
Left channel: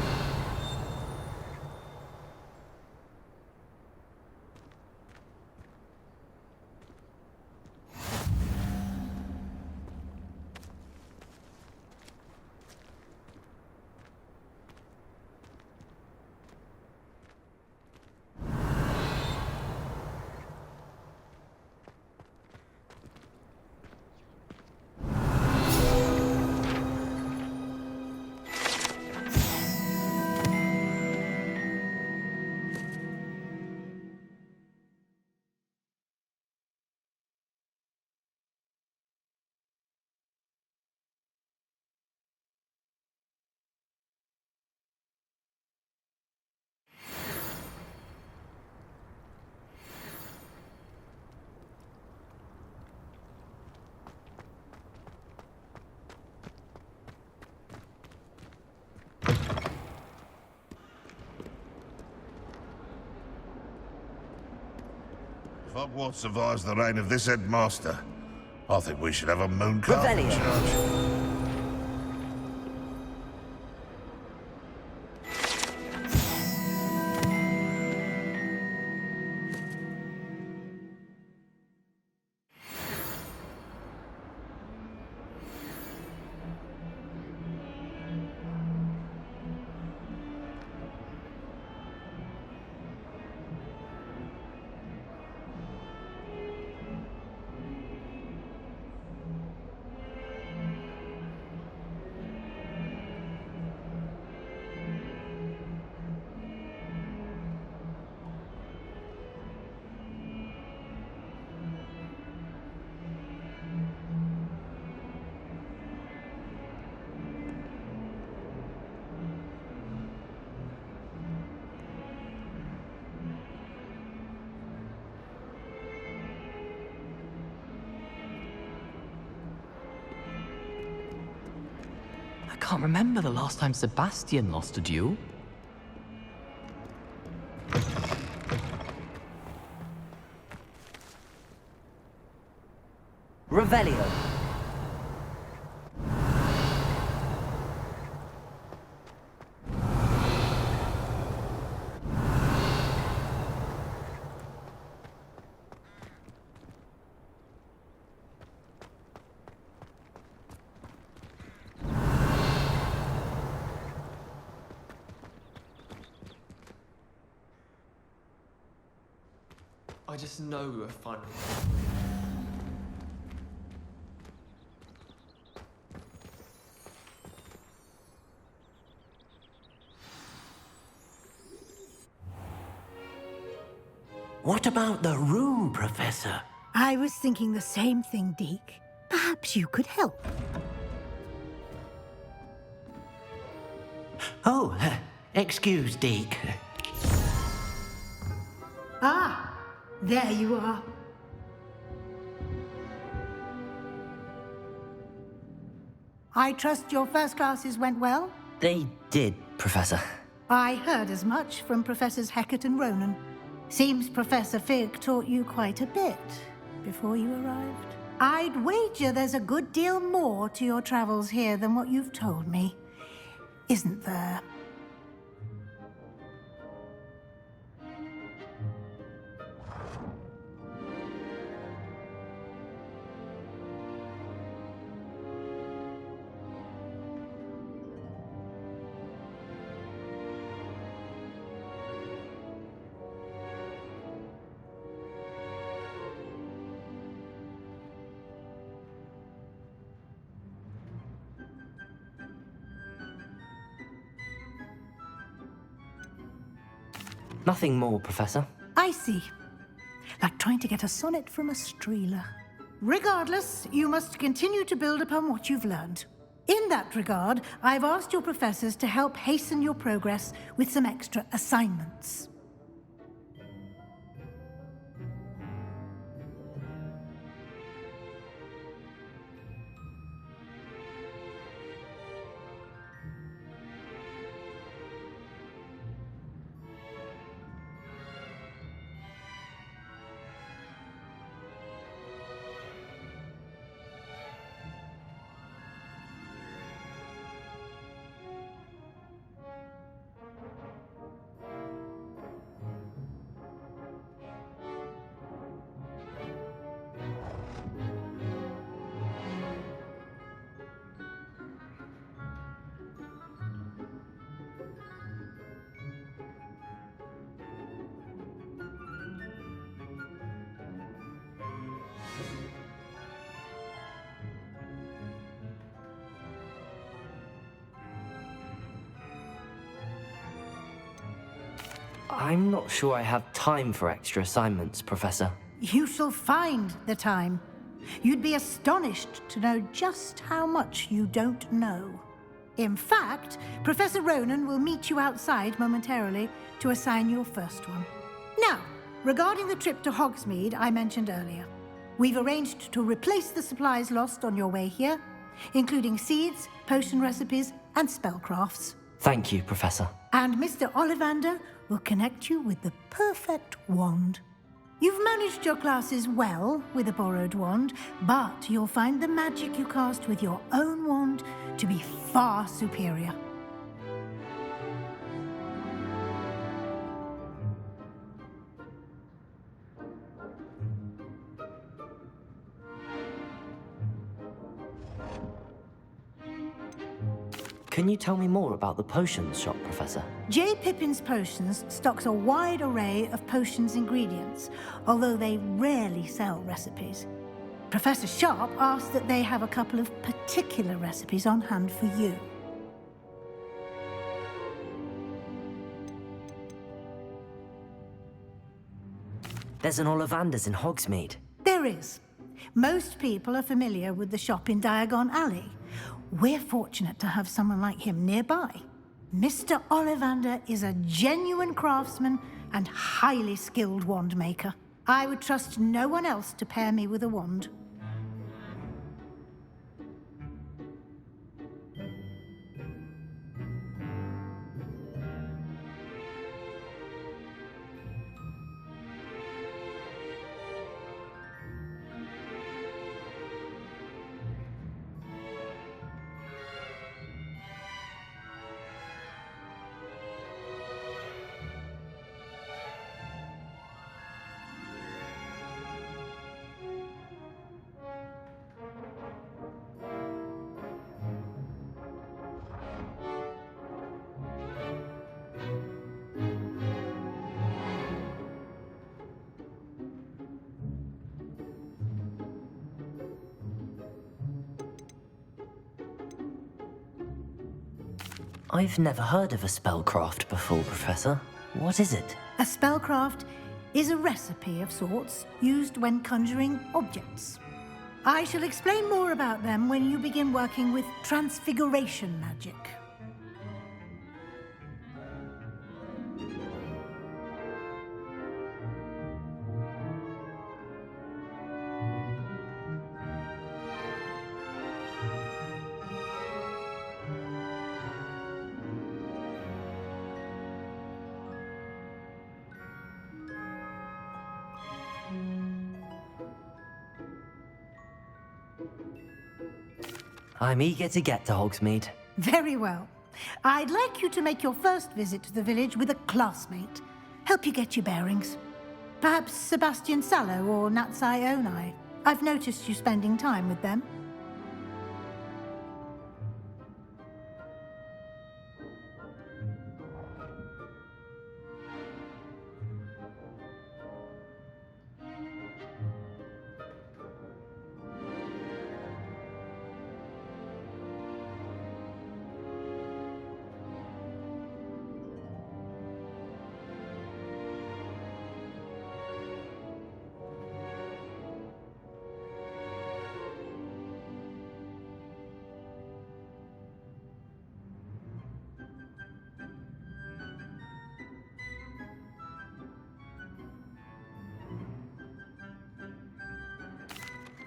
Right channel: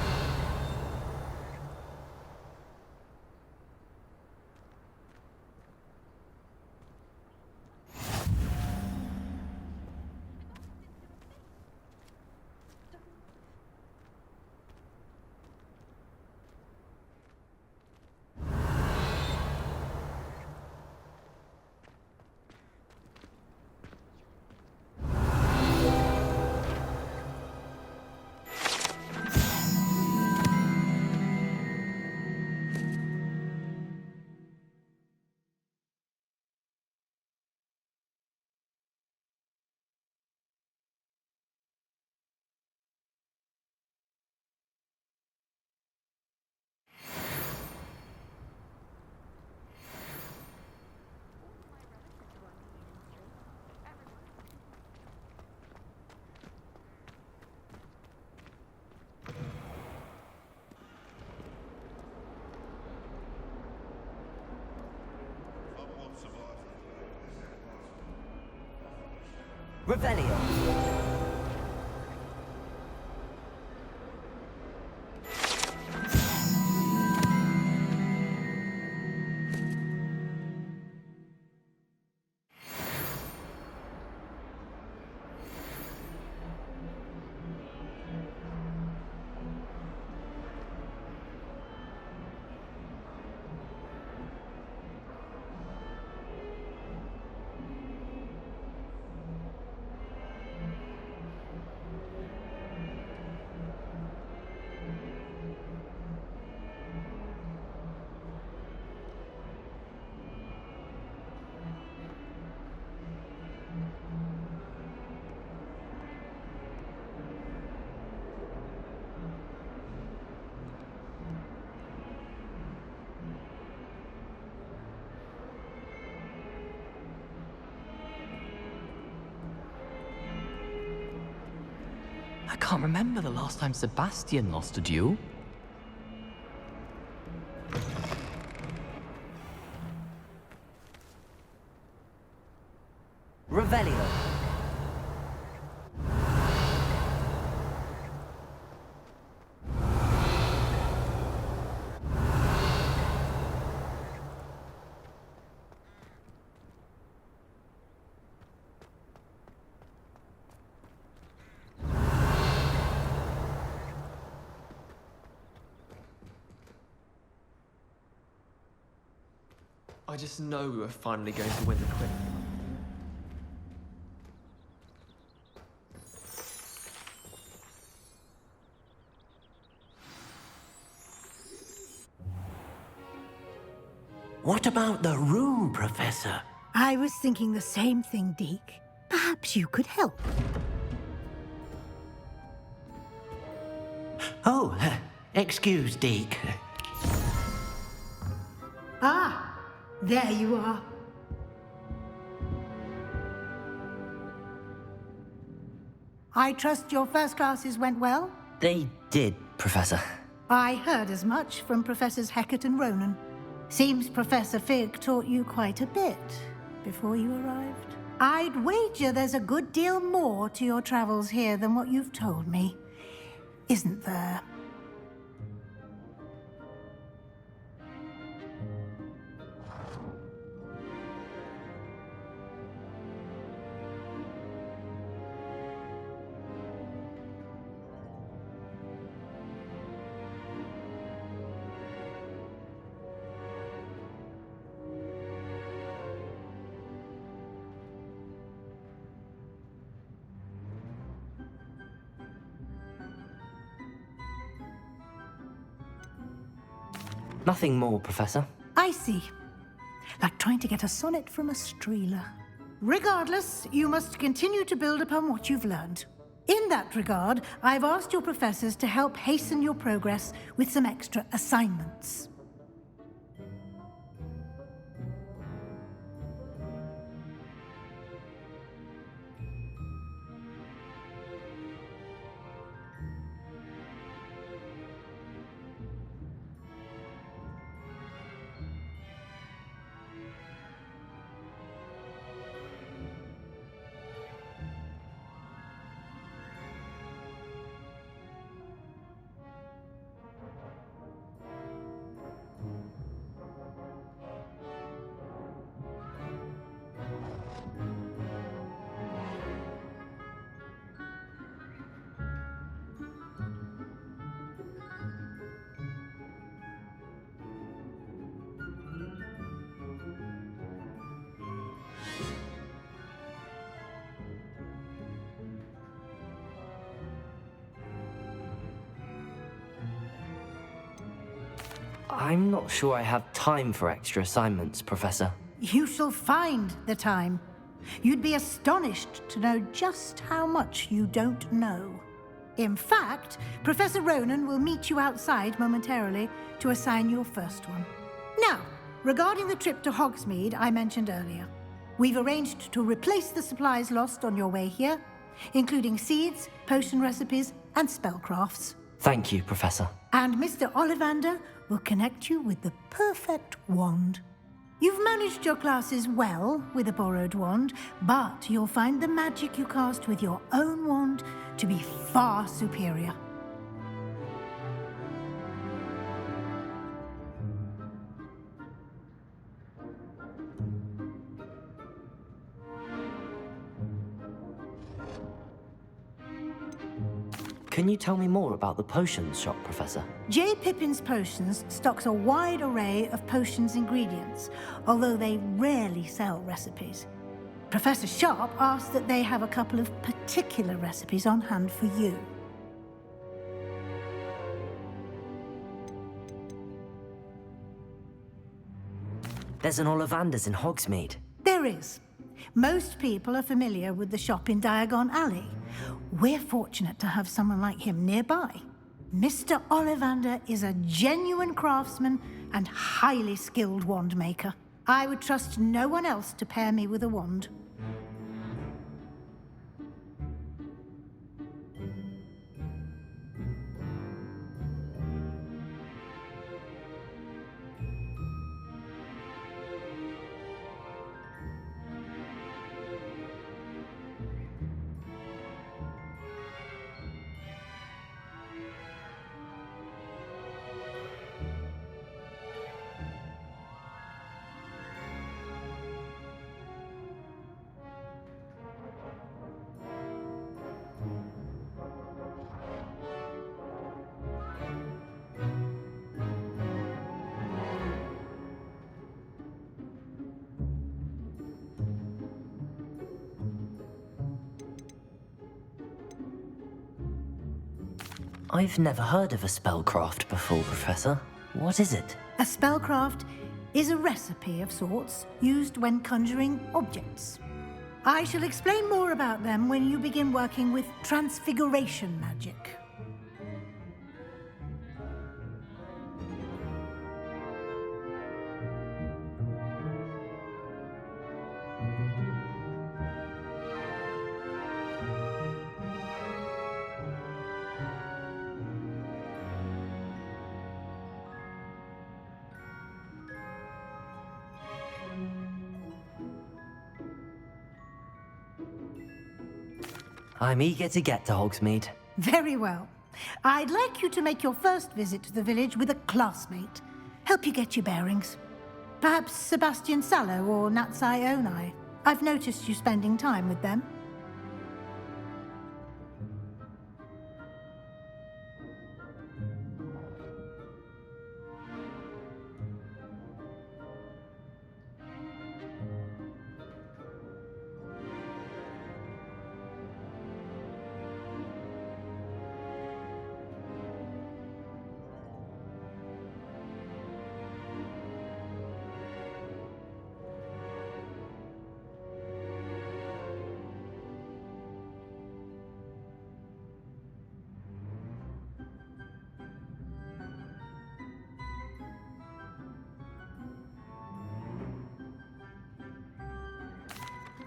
If Hogwarts survives the reign of this headmaster, I think we should have a moon Revelio. I can't remember the last time Sebastian lost a duel. Revelio. I just know we're finally going to win the quiz. What about the room, Professor? I was thinking the same thing, Deke. Perhaps you could help. Oh, excuse, Deke. Ah, there you are. I trust your first classes went well? They did, Professor. I heard as much from Professors Hecat and Ronan. Seems Professor Fig taught you quite a bit before you arrived. I'd wager there's a good deal more to your travels here than what you've told me, isn't there? Nothing more, Professor. I see. Like trying to get a sonnet from a streeler. Regardless, you must continue to build upon what you've learned. In that regard, I've asked your professors to help hasten your progress with some extra assignments. I'm not sure I have time for extra assignments, Professor. You shall find the time. You'd be astonished to know just how much you don't know. In fact, Professor Ronan will meet you outside momentarily to assign your first one. Now, regarding the trip to Hogsmeade I mentioned earlier, we've arranged to replace the supplies lost on your way here, including seeds, potion recipes, and spellcrafts. Thank you, Professor. And Mr. Ollivander will connect you with the perfect wand. You've managed your classes well with a borrowed wand, but you'll find the magic you cast with your own wand to be far superior. Can you tell me more about the potions shop, Professor? J. Pippin's Potions stocks a wide array of potions ingredients, although they rarely sell recipes. Professor Sharp asked that they have a couple of particular recipes on hand for you. There's an Ollivander's in Hogsmeade. There is. Most people are familiar with the shop in Diagon Alley. We're fortunate to have someone like him nearby. Mr. Ollivander is a genuine craftsman and highly skilled wand maker. I would trust no one else to pair me with a wand. I've never heard of a spellcraft before, Professor. What is it? A spellcraft is a recipe of sorts used when conjuring objects. I shall explain more about them when you begin working with transfiguration magic. I'm eager to get to Hogsmeade. Very well. I'd like you to make your first visit to the village with a classmate. Help you get your bearings. Perhaps Sebastian Sallow or Natsai Onai. I've noticed you spending time with them.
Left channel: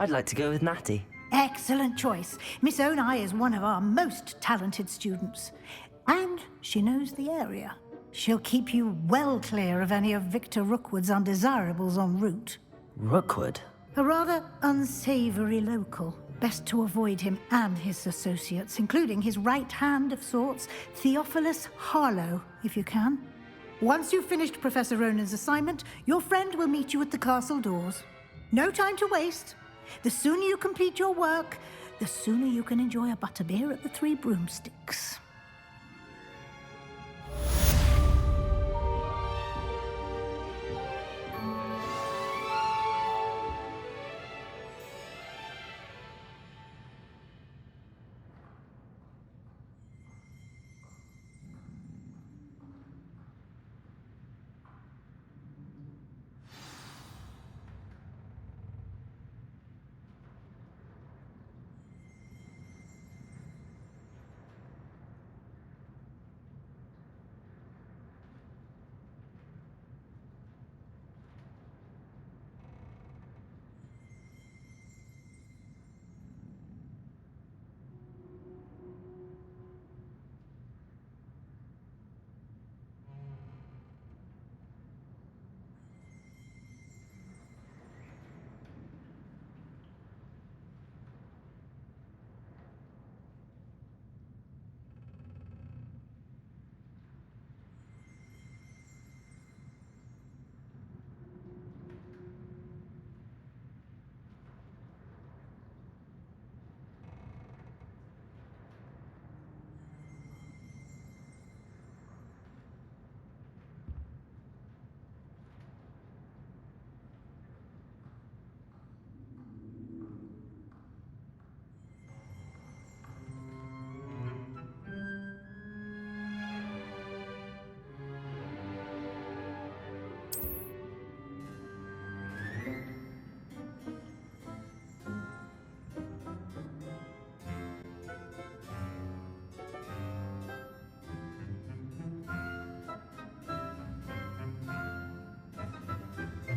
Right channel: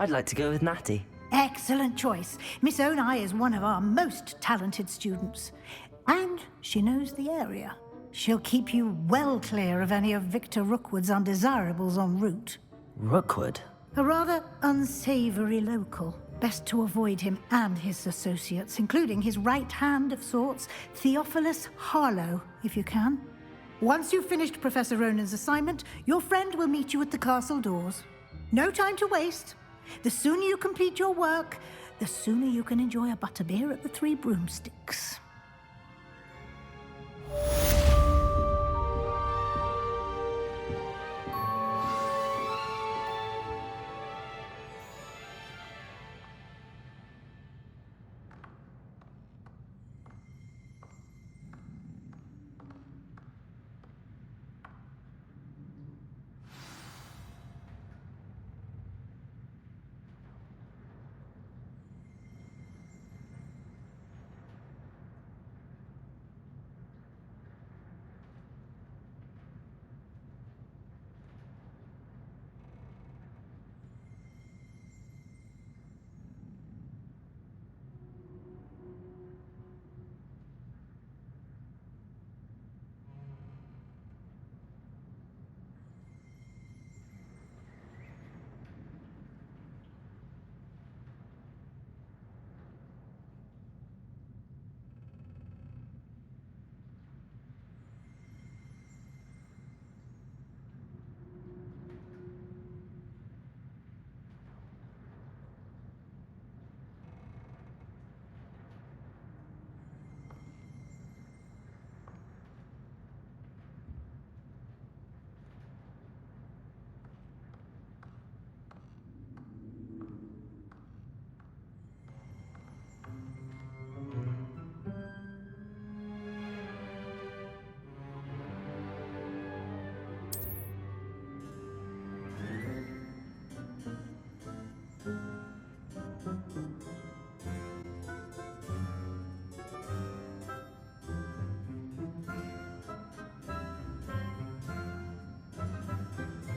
I'd like to go with Natty. Excellent choice. Miss Onai is one of our most talented students. And she knows the area. She'll keep you well clear of any of Victor Rookwood's undesirables en route. Rookwood? A rather unsavory local. Best to avoid him and his associates, including his right hand of sorts, Theophilus Harlow, if you can. Once you've finished Professor Ronan's assignment, your friend will meet you at the castle doors. No time to waste. The sooner you complete your work, the sooner you can enjoy a butterbeer at the Three Broomsticks.